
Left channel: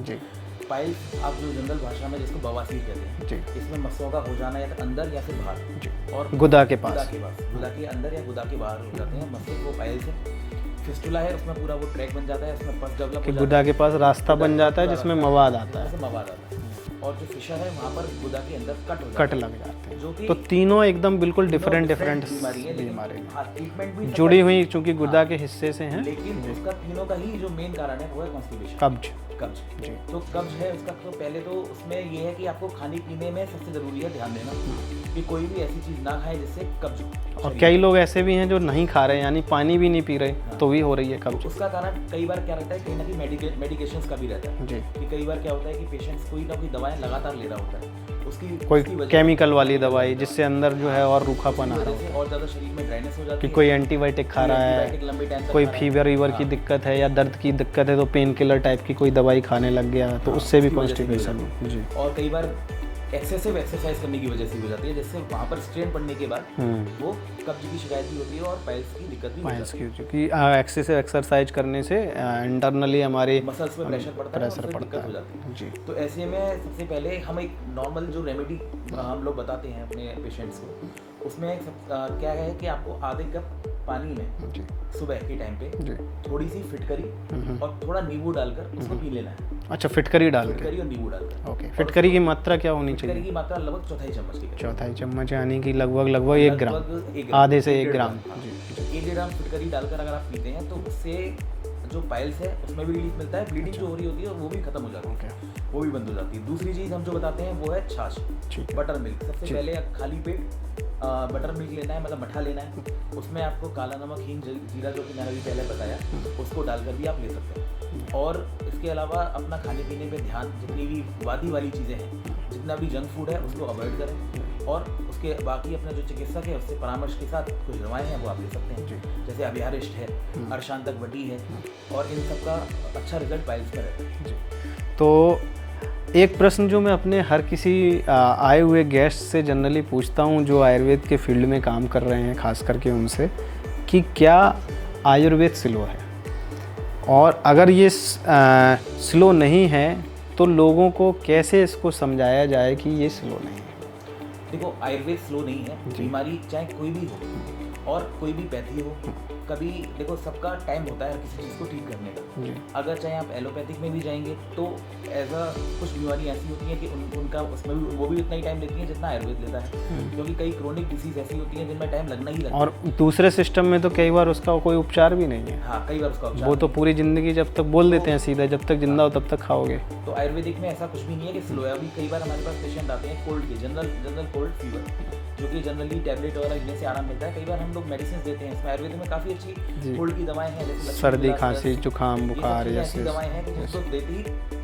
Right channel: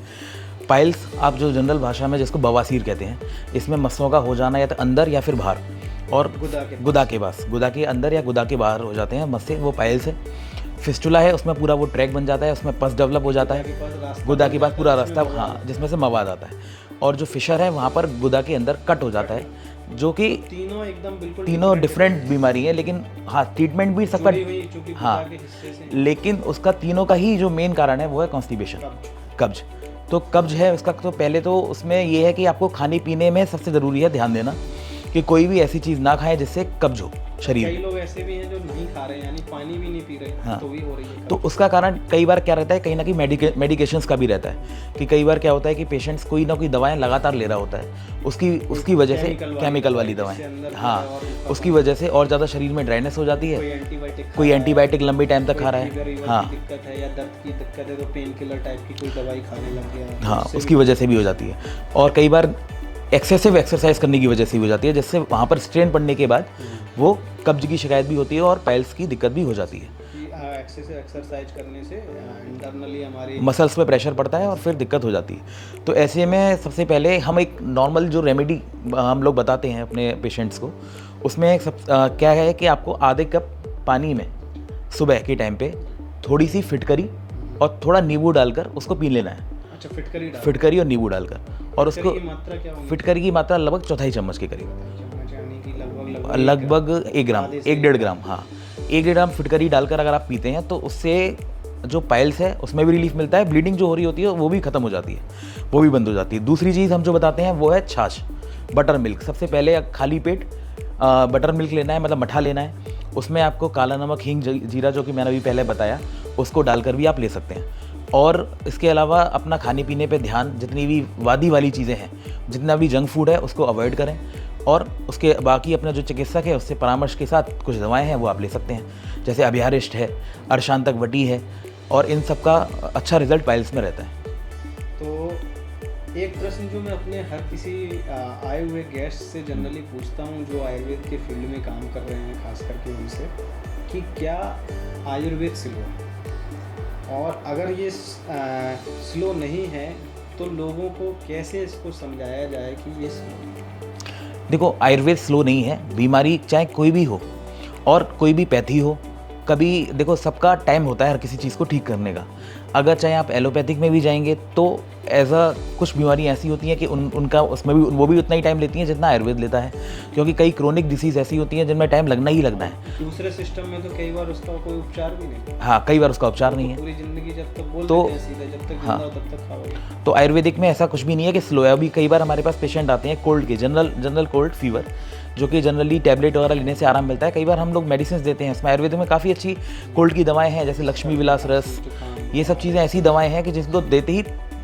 पाइल्स आप जो जनरल भाषा में जिसको बवासीर कहते हैं, इसमें मस्सों का हो जाना या तो अंदर या फिर बाहर, और गुदा के पास, गुदा के अंदर या गुदा के बाहर हो जाते हैं मस्से, वो पाइल्स है। फिस्टुला है, उसमें पूरा वो ट्रैक बन जाता है, उसमें पस डेवलप हो जाता है, गुदा के पास रास्ता बन जाता है जिसमें से मवाद आता है। और जो फिशर है वहाँ पर गुदा के अंदर कट हो जाता है, जो कि तीनों एकदम बिल्कुल डिफरेंट बीमारी है, लेकिन हाँ, ट्रीटमेंट भी जुड़ी हुई चूंकि गुदा के हिस्से से है। लेकिन उसका तीनों का ही जो मेन कारण है वो है कॉन्स्टिपेशन, कब्ज। तो कब्ज है उसका, तो पहले तो उसमें ये है कि आपको खाने पीने में सबसे ज़रूरी है ध्यान देना कि कोई भी ऐसी चीज़ ना खाएं जिससे कब्ज हो शरीर। कई लोग ऐसे भी हैं जो नहीं खा रहे, यानी पानी भी नहीं पी रहे, हाँ, तो भी हो रही है कब्ज। तो उसका कारण कई बार क्या रहता है, कहीं ना कहीं मेडिकेशंस का भी रहता है कि कई बार क्या होता है कि पेशेंट्स कोई ना कोई दवाएं लगातार ले रहा होता है, उसकी वजह केमिकल वाली दवाई जिससे अंदर जो है और रूखा, उसकी वजह से और ज़्यादा शरीर में ड्राइनेस हो जाती है। कोई एंटीबायोटिक लंबे टाइम तक खा रहा है, फीवर की दिक्कत है या दर्द की दिक्कत है तो पेन किलर टाइप की कोई दवाई खाने लग गया, उसकी वजह से भी हो जाती है। और कई बार एक्सेसिव एक्सरसाइज करने की वजह से हो जाती है, जिससे वहाँ पर स्ट्रेन पड़ने के बाद वो कब्ज की शिकायत भी होती है और पाइल्स की दिक्कत भी हो जाती है, क्योंकि एक्सेसिव एक्सरसाइज करने से इंटरनली हमारे मसल्स पे प्रेशर पड़ता है और फिर दिक्कत हो जाती है। तो ऐसे में सबसे पहले हम एक नॉर्मल जो रेमेडी हम लोग बताते हैं अपने पेशेंट्स को, उसमें क्या है कि आपको आधे कप पानी में सुबह के टाइम पे थोड़ी सी फिटकरी और थोड़ा नींबू डालकर उसको पी लेना है। अच्छा, फिटकरी डाल, फिटकरी और नींबू डालकर। और फिटकरी की मात्रा क्या होनी? फिटकरी की मात्रा लगभग चौथाई चम्मच के करीब। चौथाई चम्मच यानी कि लगभग 1 ग्राम, आधे से 1-1.5 ग्राम। हाँ, 1 ग्राम फिटकरी डालकर अगर आप पीते हैं तो उससे जो पाइल्स है उसमें भी रिलीफ मिलता है, ब्लीडिंग जो हो रही होती है वो भी खत्म हो जाती है, वो भी बंद हो जाती है। दूसरी चीज़ हम जो बताते हैं वो है छाछ, बटर मिल्क। सबसे पहले खाली पेट बटर मिल्क लेना है, मतलब मठा लेना है। उसमें आपको काला नमक, हींग, जीरा, जो कि मैंने अभी पहले बताया, उसको डालकर भी आप ले सकते हैं। और इसके अलावा अपना खाने पीने पे ध्यान, जितनी भी वादी वाली चीज़ें हैं, जितना भी जंक फूड है उसको अवॉइड करें। और उसके बाकी अपना जो चिकित्सक है उससे परामर्श के साथ कुछ दवाएं हैं वो आप ले सकते हैं, जैसे अभ्यारिष्ट है, अर्शांतक वटी है, और इन सब का अच्छा रिजल्ट पाइल्स में रहता है। तो एक प्रश्न जो मैं अपने हर किसी आए हुए गेस्ट से जनरली पूछता हूँ जो आयुर्वेद के फील्ड में काम कर रहे हैं, खास करके उनसे, कि क्या आयुर्वेद स्लो है, और अगर ये स्लो नहीं है तो लोगों को कैसे इसको समझाया जाए कि ये स्लो नहीं है? देखो, आयुर्वेद स्लो नहीं है। बीमारी चाहे कोई भी हो और कोई भी पैथी हो, कभी देखो सबका टाइम होता है हर किसी चीज़ को ठीक करने का। अगर चाहे आप एलोपैथिक में भी जाएंगे तो कुछ बीमारियाँ ऐसी होती हैं कि उनका उसमें भी वो भी उतना ही टाइम लेती हैं जितना आयुर्वेद लेता है, क्योंकि कई क्रोनिक डिसीज़ ऐसी होती हैं जिनमें टाइम लगना ही लगता है। दूसरे सिस्टम में तो कई बार उसका कोई उपचार भी नहीं है। हाँ, कई बार उसका उपचार नहीं तो है। पूरी जिंदगी जब तक बोल देते हैं सीधे, जब तक जिंदा हो तब तक खाओगे। तो आयुर्वेदिक में ऐसा कुछ भी नहीं है कि स्लो है। अभी कई बार हमारे पास पेशेंट आते हैं कोल्ड के, जनरल कोल्ड फीवर, जो कि जनरली टैबलेट वगैरह लेने से आराम मिलता है। कई बार हम लोग मेडिसिन देते हैं, इसमें आयुर्वेद में काफ़ी अच्छी कोल्ड की दवाएं हैं, जैसे लक्ष्मी विलास रस, ये सब चीज़ें ऐसी दवाएं हैं कि जिसको देते ही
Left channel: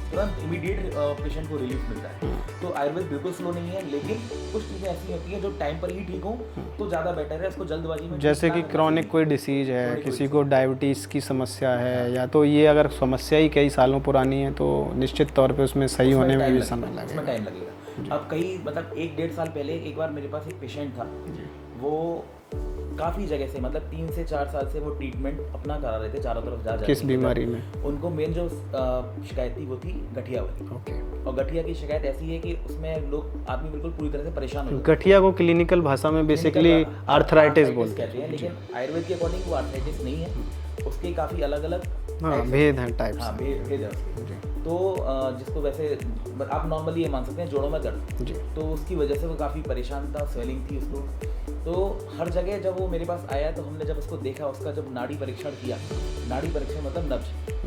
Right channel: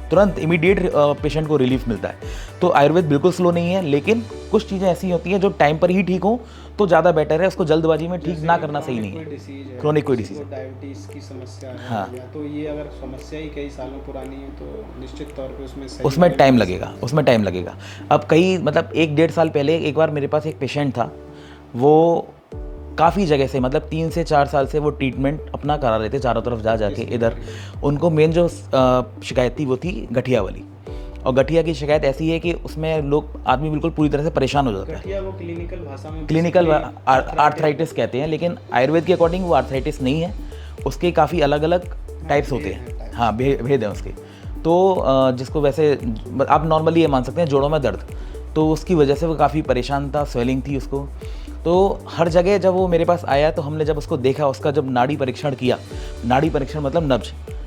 तुरंत इमीडिएट पेशेंट को रिलीफ मिलता है। तो आयुर्वेद बिल्कुल स्लो नहीं है, लेकिन कुछ चीज़ें ऐसी होती हैं जो टाइम पर ही ठीक हो तो ज़्यादा बेटर है, उसको जल्दबाजी में जैसे ना कि करना क्रॉनिक कोई डिसीज है, किसी को डायबिटीज़ की समस्या है, हाँ। या तो ये अगर समस्या ही कई सालों पुरानी है तो निश्चित तौर पे उसमें सही उसमें टाइम लगेगा। अब कई मतलब 1-1.5 साल पहले एक बार मेरे पास एक पेशेंट था, वो काफ़ी जगह से, मतलब 3 से 4 साल से वो ट्रीटमेंट अपना करा रहे थे चारों तरफ जा के इधर। उनको मेन जो शिकायत थी वो थी गठिया वाली, और गठिया की शिकायत ऐसी है कि उसमें आदमी बिल्कुल पूरी तरह से परेशान हो जाता है। गठिया को क्लिनिकल भाषा में क्लिनिकल आर्थराइटिस कहते हैं, लेकिन आयुर्वेद के अकॉर्डिंग वो आर्थराइटिस नहीं है, उसके काफ़ी अलग अलग टाइप्स होते हैं। हाँ, भेद है उसके। तो जिसको वैसे आप नॉर्मली ये मान सकते हैं जोड़ों में दर्द, तो उसकी वजह से वो काफ़ी परेशान था, स्वेलिंग थी उसको। तो हर जगह जब वो मेरे पास आया तो हमने जब उसको देखा, उसका जब नाड़ी परीक्षण किया, नाड़ी परीक्षण मतलब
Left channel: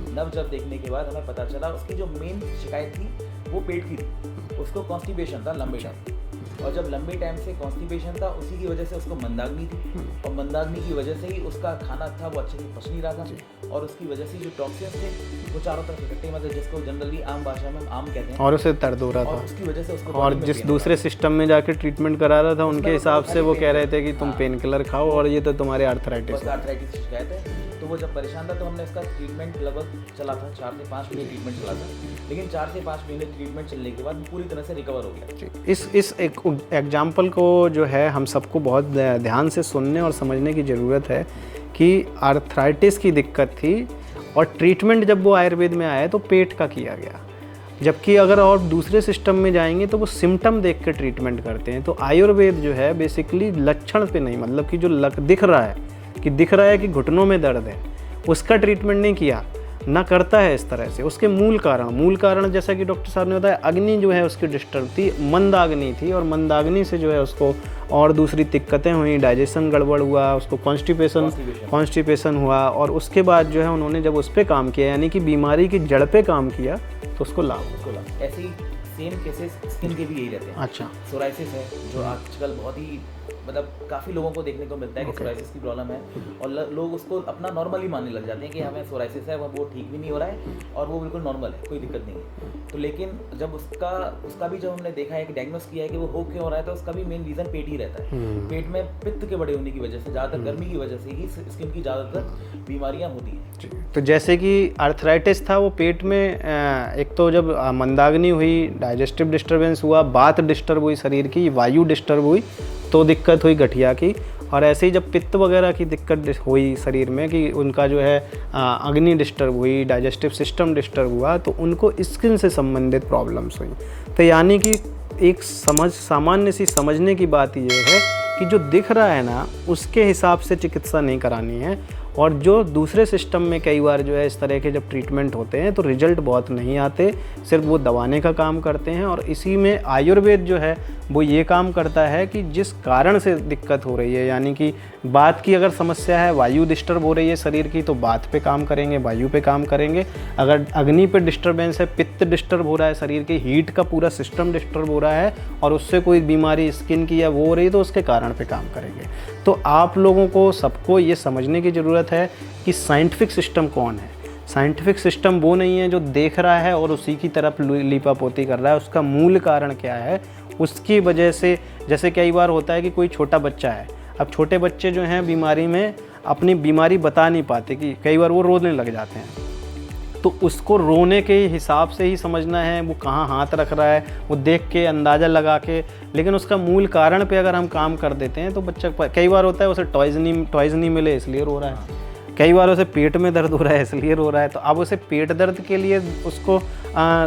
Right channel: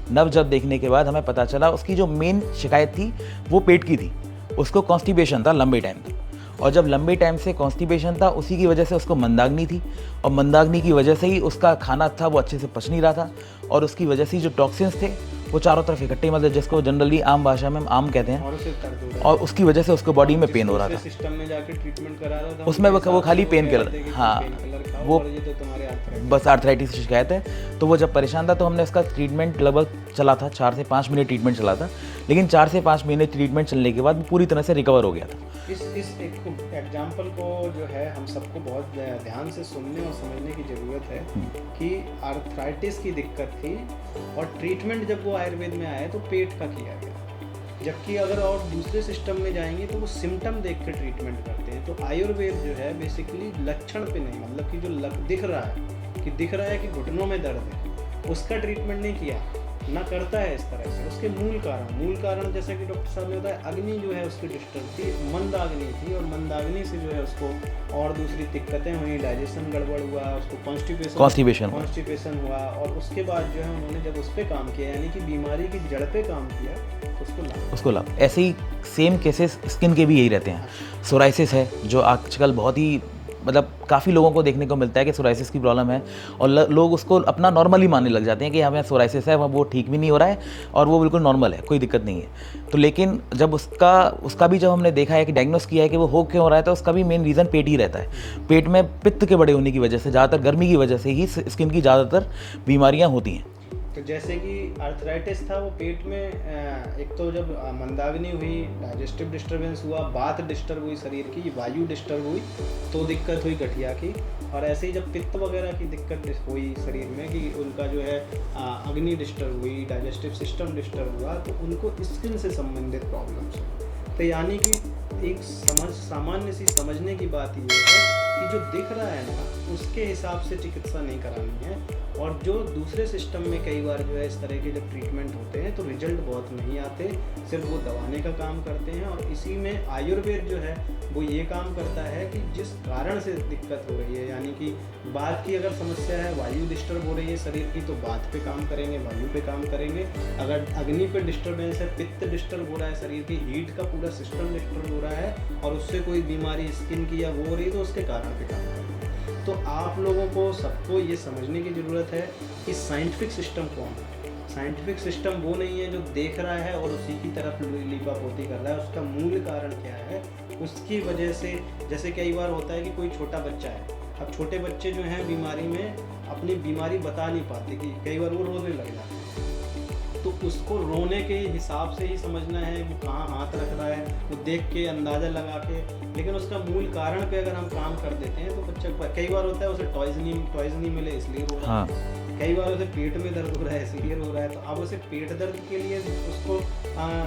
नब्ज जब देखने के बाद हमें पता चला उसकी जो मेन शिकायत थी वो पेट की थी। उसको कॉन्स्टिपेशन था लंबे टाइम से, और जब लंबे टाइम से कॉन्स्टिपेशन था उसी की वजह से उसको मंदाग्नि थी, और मंदाग्नि की वजह से ही उसका खाना था वो अच्छे से पच नहीं रहा था, और उसकी वजह से जो टॉक्सिन्स थे वो चारों तरफ इकट्ठे, मतलब जिसको जनरली आम भाषा में आम कहते हैं, और उसे दर्द हो रहा था, और उसकी वजह से उसको बॉडी में पेन हो रहा था। दूसरे सिस्टम में जाके ट्रीटमेंट करा रहा था, उसमें वो खाली पेन कह रहे थे कि तुम पेन किलर खाओ और ये तो तुम्हारे आर्थराइटिस, बस आर्थराइटिस की शिकायत है। तो वो जब परेशान था तो हमने उसका ट्रीटमेंट लगभग चला था, 4 से 5 महीने ट्रीटमेंट चला था, लेकिन 4 से 5 महीने ट्रीटमेंट चलने के बाद पूरी तरह से रिकवर हो गया। इस एक एग्जाम्पल को जो है हम सबको बहुत ध्यान से सुनने और समझने की ज़रूरत है कि आर्थराइटिस की दिक्कत थी, और ट्रीटमेंट जब वो आयुर्वेद में आया तो पेट का किया गया, जबकि अगर और दूसरे सिस्टम में जाएंगे तो वो सिम्टम देख कर ट्रीटमेंट करते हैं। तो आयुर्वेद जो है बेसिकली लक्षण पे नहीं, मतलब कि जो दिख रहा है कि घुटनों में दर्द है, उसका ट्रीटमेंट नहीं किया, ना करता है इस तरह से। उसके मूल कारण जैसा कि डॉक्टर साहब ने बताया, अग्नि जो है उसकी डिस्टर्ब थी, मंदाग्नि थी, और मंदाग्नि से जो है उसको और दूसरी दिक्कतें हुई, डाइजेशन गड़बड़ हुआ, उसको कॉन्स्टिपेशन हुआ, और उसके बाद जो है उन्होंने जब उस पर काम किया, यानी कि बीमारी की जड़ पे काम किया, तो उसको लाभ। ऐसे ही सेम केसेस स्किन के भी यही रहते हैं। अच्छा, सोराइसिस है जो आजकल बहुत ही मतलब काफ़ी लोगों को देखने को मिलता है कि सोराइसिस की प्रॉब्लम है, और लोग उसको अपना नॉर्मली मानने लग जाते हैं कि हमें सोराइसिस है, वो ठीक भी नहीं हो रहा है और वो बिल्कुल नॉर्मल है, कोई दिक्कत नहीं है। तो लेकिन जब उसका भी जब हमने देखा है कि डायग्नोस किया है कि वो हो क्यों रहा है, तो उसका भी मेन रीज़न पेट ही रहता है। पेट में पित्त के बड़े होने की वजह से, ज़्यादातर गर्मी की वजह से ही स्किन की ज़्यादातर बीमारियाँ होती हैं। तो जैसे कि आर्थराइटिस था वो पेट में, एक तो जब मंदाग्नि हुई, डाइजेस्टिव डिस्टर्बेंस हुआ, बात डिस्टर्ब हुई, शरीर की वायु डिस्टर्ब हुई, तो दिक्कत हुई गठिया की। और ऐसे ही जब पित्त वगैरह की दिक्कत हुई शरीर में, कि उनका जो है अग्नि डिस्टर्ब हुई, डाइजेस्टिव सिस्टम डिस्टर्ब हुआ, तो उनको स्किन से संबंधित प्रॉब्लम्स हुई। तो यानी कि एक सामान्य सी समझने की बात ये है कि जो दिख रहा है ना, उसके हिसाब से चिकित्सा नहीं करानी है, और जो दूसरे सिस्टम में कई बार जो है इस तरह के जब ट्रीटमेंट होते हैं तो रिजल्ट बहुत नहीं आते, सिर्फ वो दबाने का काम करते हैं। और इसी में आयुर्वेद जो है वो ये काम करता है कि जिस कारण से दिक्कत हो रही है, यानी कि बात की अगर समस्या है, वायु डिस्टर्ब हो रही है शरीर की, तो बात पे काम करेंगे, वायु पे काम करेंगे। अगर अग्नि पे डिस्टर्बेंस है, पित्त डिस्टर्ब हो रहा है, शरीर की हीट का पूरा सिस्टम डिस्टर्ब हो रहा है और उससे कोई बीमारी स्किन की या वो हो रही है, तो उसके कारण पे काम करेंगे। तो आप लोगों को सबको ये समझने की ज़रूरत है कि साइंटिफिक सिस्टम कौन है। साइंटिफिक सिस्टम वो नहीं है जो देख रहा है और उसी की तरफ लीपापोती कर रहा है, उसका मूल कारण क्या है, उसकी वजह से। जैसे कई बार होता है कि कोई छोटा बच्चा है, अब छोटे बच्चे जो हैं बीमारी में अपनी बीमारी बता नहीं पाते, कि कई बार वो रोने लग जाते हैं, तो उसको रोने के हिसाब से ही समझना है वो कहाँ हाथ रख रहा है, वो देख के अंदाज़ा लगा के। लेकिन उसका मूल कारण पे अगर हम काम कर देते हैं तो बच्चा, कई बार होता है उसे टॉयज़ नहीं मिले इसलिए रो रहा है, कई बार उसे पेट में दर्द हो रहा है इसलिए रो रहा है। तो अब उसे पेट दर्द के लिए उसको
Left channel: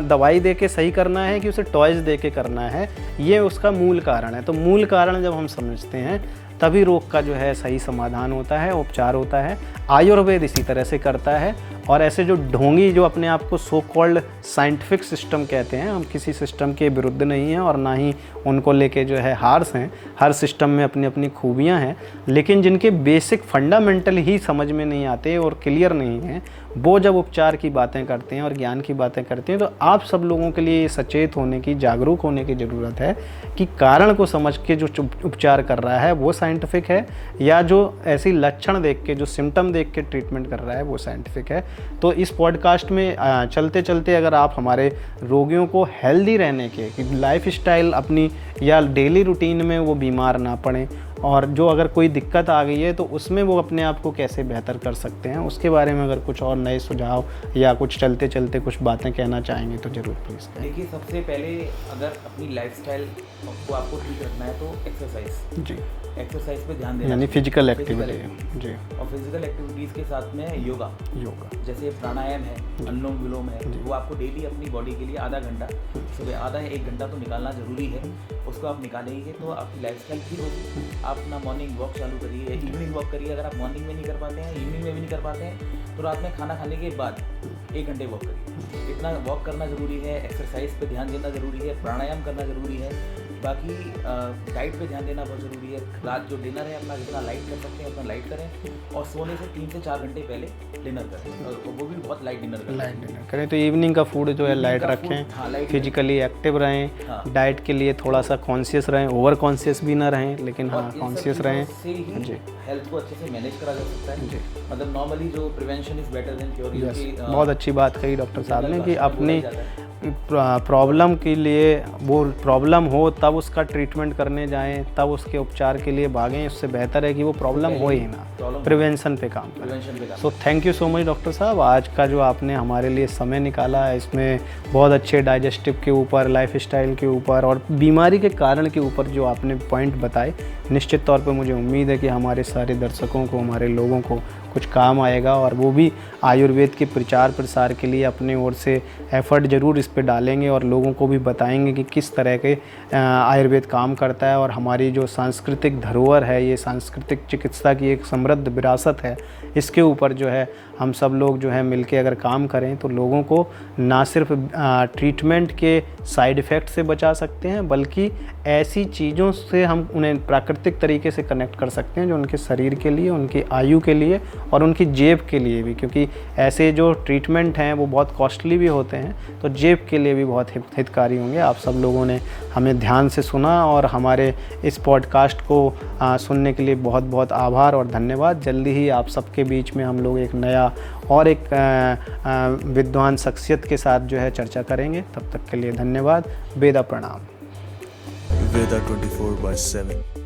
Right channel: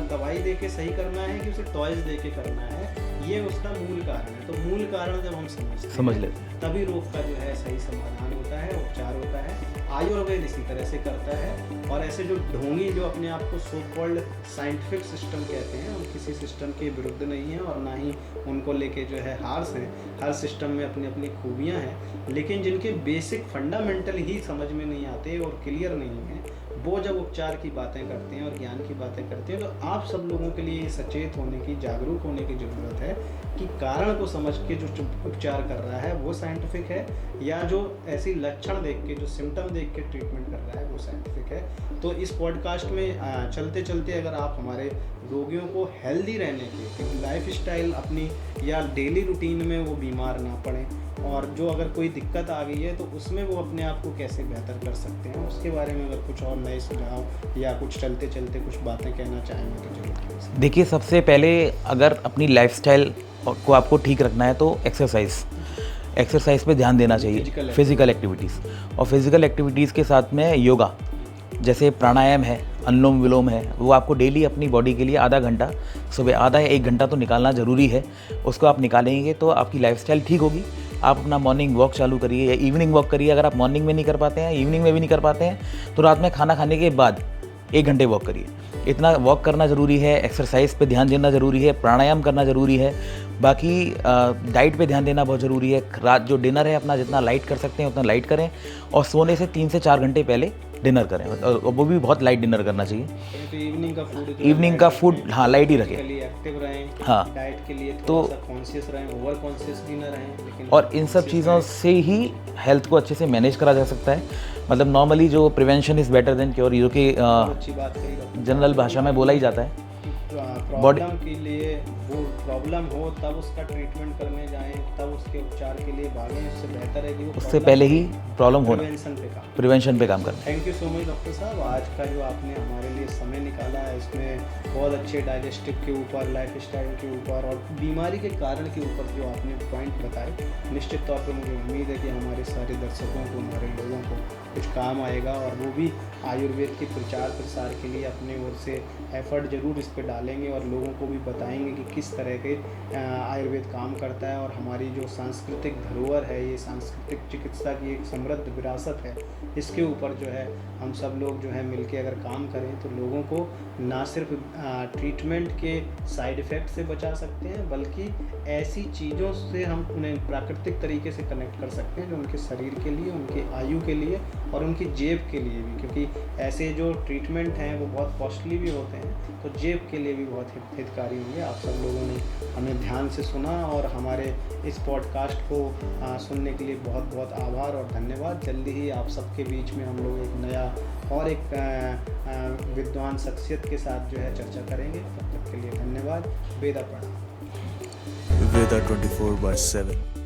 दवाई दे के सही करना है कि उसे टॉयज़ दे के करना है, ये उसका मूल कारण है। तो मूल कारण जब हम समझते हैं तभी रोग का जो है सही समाधान होता है, उपचार होता है। आयुर्वेद इसी तरह से करता है। और ऐसे जो ढोंगी जो अपने आप को सो कॉल्ड साइंटिफिक सिस्टम कहते हैं, हम किसी सिस्टम के विरुद्ध नहीं हैं और ना ही उनको लेके जो है हार्स हैं। हर सिस्टम में अपनी अपनी खूबियां हैं, लेकिन जिनके बेसिक फंडामेंटल ही समझ में नहीं आते और क्लियर नहीं हैं, वो जब उपचार की बातें करते हैं और ज्ञान की बातें करते हैं, तो आप सब लोगों के लिए सचेत होने की, जागरूक होने की ज़रूरत है कि कारण को समझ के जो उपचार कर रहा है वो साइंटिफिक है, या जो ऐसी लक्षण देख के, जो सिम्टम देख के ट्रीटमेंट कर रहा है वो साइंटिफिक है। तो इस पॉडकास्ट में चलते चलते अगर आप हमारे रोगियों को हेल्दी रहने के लाइफ स्टाइल अपनी या डेली रूटीन में वो बीमार ना पड़ें, और जो अगर कोई दिक्कत आ गई है तो उसमें वो अपने आप को कैसे बेहतर कर सकते हैं, उसके बारे में अगर कुछ और नए सुझाव या कुछ चलते चलते कुछ बातें कहना चाहेंगे तो ज़रूर प्लीज़। देखिए, सबसे पहले अगर अपनी लाइफस्टाइल को आपको ठीक रखना है तो एक्सरसाइज पे ध्यान देना चाहिए, फिजिकल एक्टिविटीज़, और फिजिकल एक्टिविटीज़ के साथ में योगा, जैसे प्राणायाम है, अनुलोम विलोम है, वो आपको डेली अपनी बॉडी के लिए आधा घंटा, सुबह आधा या 1 घंटा तो निकालना ज़रूरी है। उसको आप निकालेंगे तो आपकी लाइफस्टाइल ठीक होगी। आप अपना मॉर्निंग वॉक चालू करिए या इवनिंग वॉक करिए। अगर आप मॉर्निंग में नहीं कर पाते हैं, इवनिंग में भी नहीं कर पाते हैं, तो रात में खाना खाने के बाद 1 घंटे वॉक करिए। इतना वॉक करना ज़रूरी है, एक्सरसाइज पे ध्यान देना ज़रूरी है, प्राणायाम करना ज़रूरी है। बाकी डाइट पे ध्यान देना बहुत ज़रूरी है। रात जो डिनर है अपना जितना लाइट कर सकते हैं उतना लाइट करें, और सोने से 3 से 4 घंटे पहले डिनर करें, और वो भी बहुत लाइट डिनर करना चाहिए। करें तो इवनिंग का फूड जो इवनिंग का फूड, हाँ, लाइट ही रखें। फिजिकली एक्टिव रहें, हाँ, डाइट के लिए थोड़ा सा कॉन्शियस रहें, ओवर कॉन्शियस भी ना रहें, लेकिन और इन सब चीज़ों से ही हेल्थ को अच्छे से मैनेज करा जा सकता है। मतलब नॉर्मली जो prevention is better than cure, जो कि बहुत अच्छी बात कही डॉक्टर, जनरल भाषा में बोला ही जाता है। प्रॉब्लम के लिए, वो प्रॉब्लम हो तब उसका ट्रीटमेंट करने जाएं, तब उसके उपचार के लिए भागें। उससे बेहतर है कि वो प्रॉब्लम पहले ही प्रॉब्लम प्रिवेंशन पे काम। तो thank you so much doctor साहब, आज का जो आपने हमारे लिए समय निकाला है, इसमें बहुत अच्छे डाइजेस्टिव के ऊपर, लाइफ स्टाइल के ऊपर और बीमारी के कारण के ऊपर जो आपने पॉइंट बताए, निश्चित तौर पे मुझे उम्मीद है कि हमारे सारे दर्शकों को, हमारे लोगों को कुछ काम आएगा, और वो भी आयुर्वेद के प्रचार प्रसार के लिए अपने ओर से एफर्ट ज़रूर इस पे डालेंगे और लोगों को भी बताएंगे कि किस तरह के आयुर्वेद काम करता है। और हमारी जो सांस्कृतिक धरोहर है, ये सांस्कृतिक चिकित्सा की एक समृद्ध विरासत है, इसके ऊपर जो है हम सब लोग जो है मिलके अगर काम करें तो लोगों को ना सिर्फ ट्रीटमेंट के साइड इफ़ेक्ट से बचा सकते हैं, बल्कि ऐसी चीज़ों से हम उन्हें प्राकृतिक तरीके से कनेक्ट कर सकते हैं जो उनके शरीर के लिए, उनकी आयु के लिए और उनकी जेब के लिए भी, क्योंकि ऐसे जो ट्रीटमेंट हैं वो बहुत कॉस्टली भी होते हैं, तो जेब के लिए भी बहुत हितकारी होंगे। आप सब लोगों ने हमें ध्यान से सुना और हमारे इस पॉडकास्ट को सुनने के लिए बहुत बहुत आभार और धन्यवाद। जल्दी ही आप सबके बीच में हम लोग एक नया और एक विद्वान शख्सियत के साथ जो है चर्चा करेंगे। तब तक के लिए धन्यवाद। वेदा प्रणाम। Veda 24/7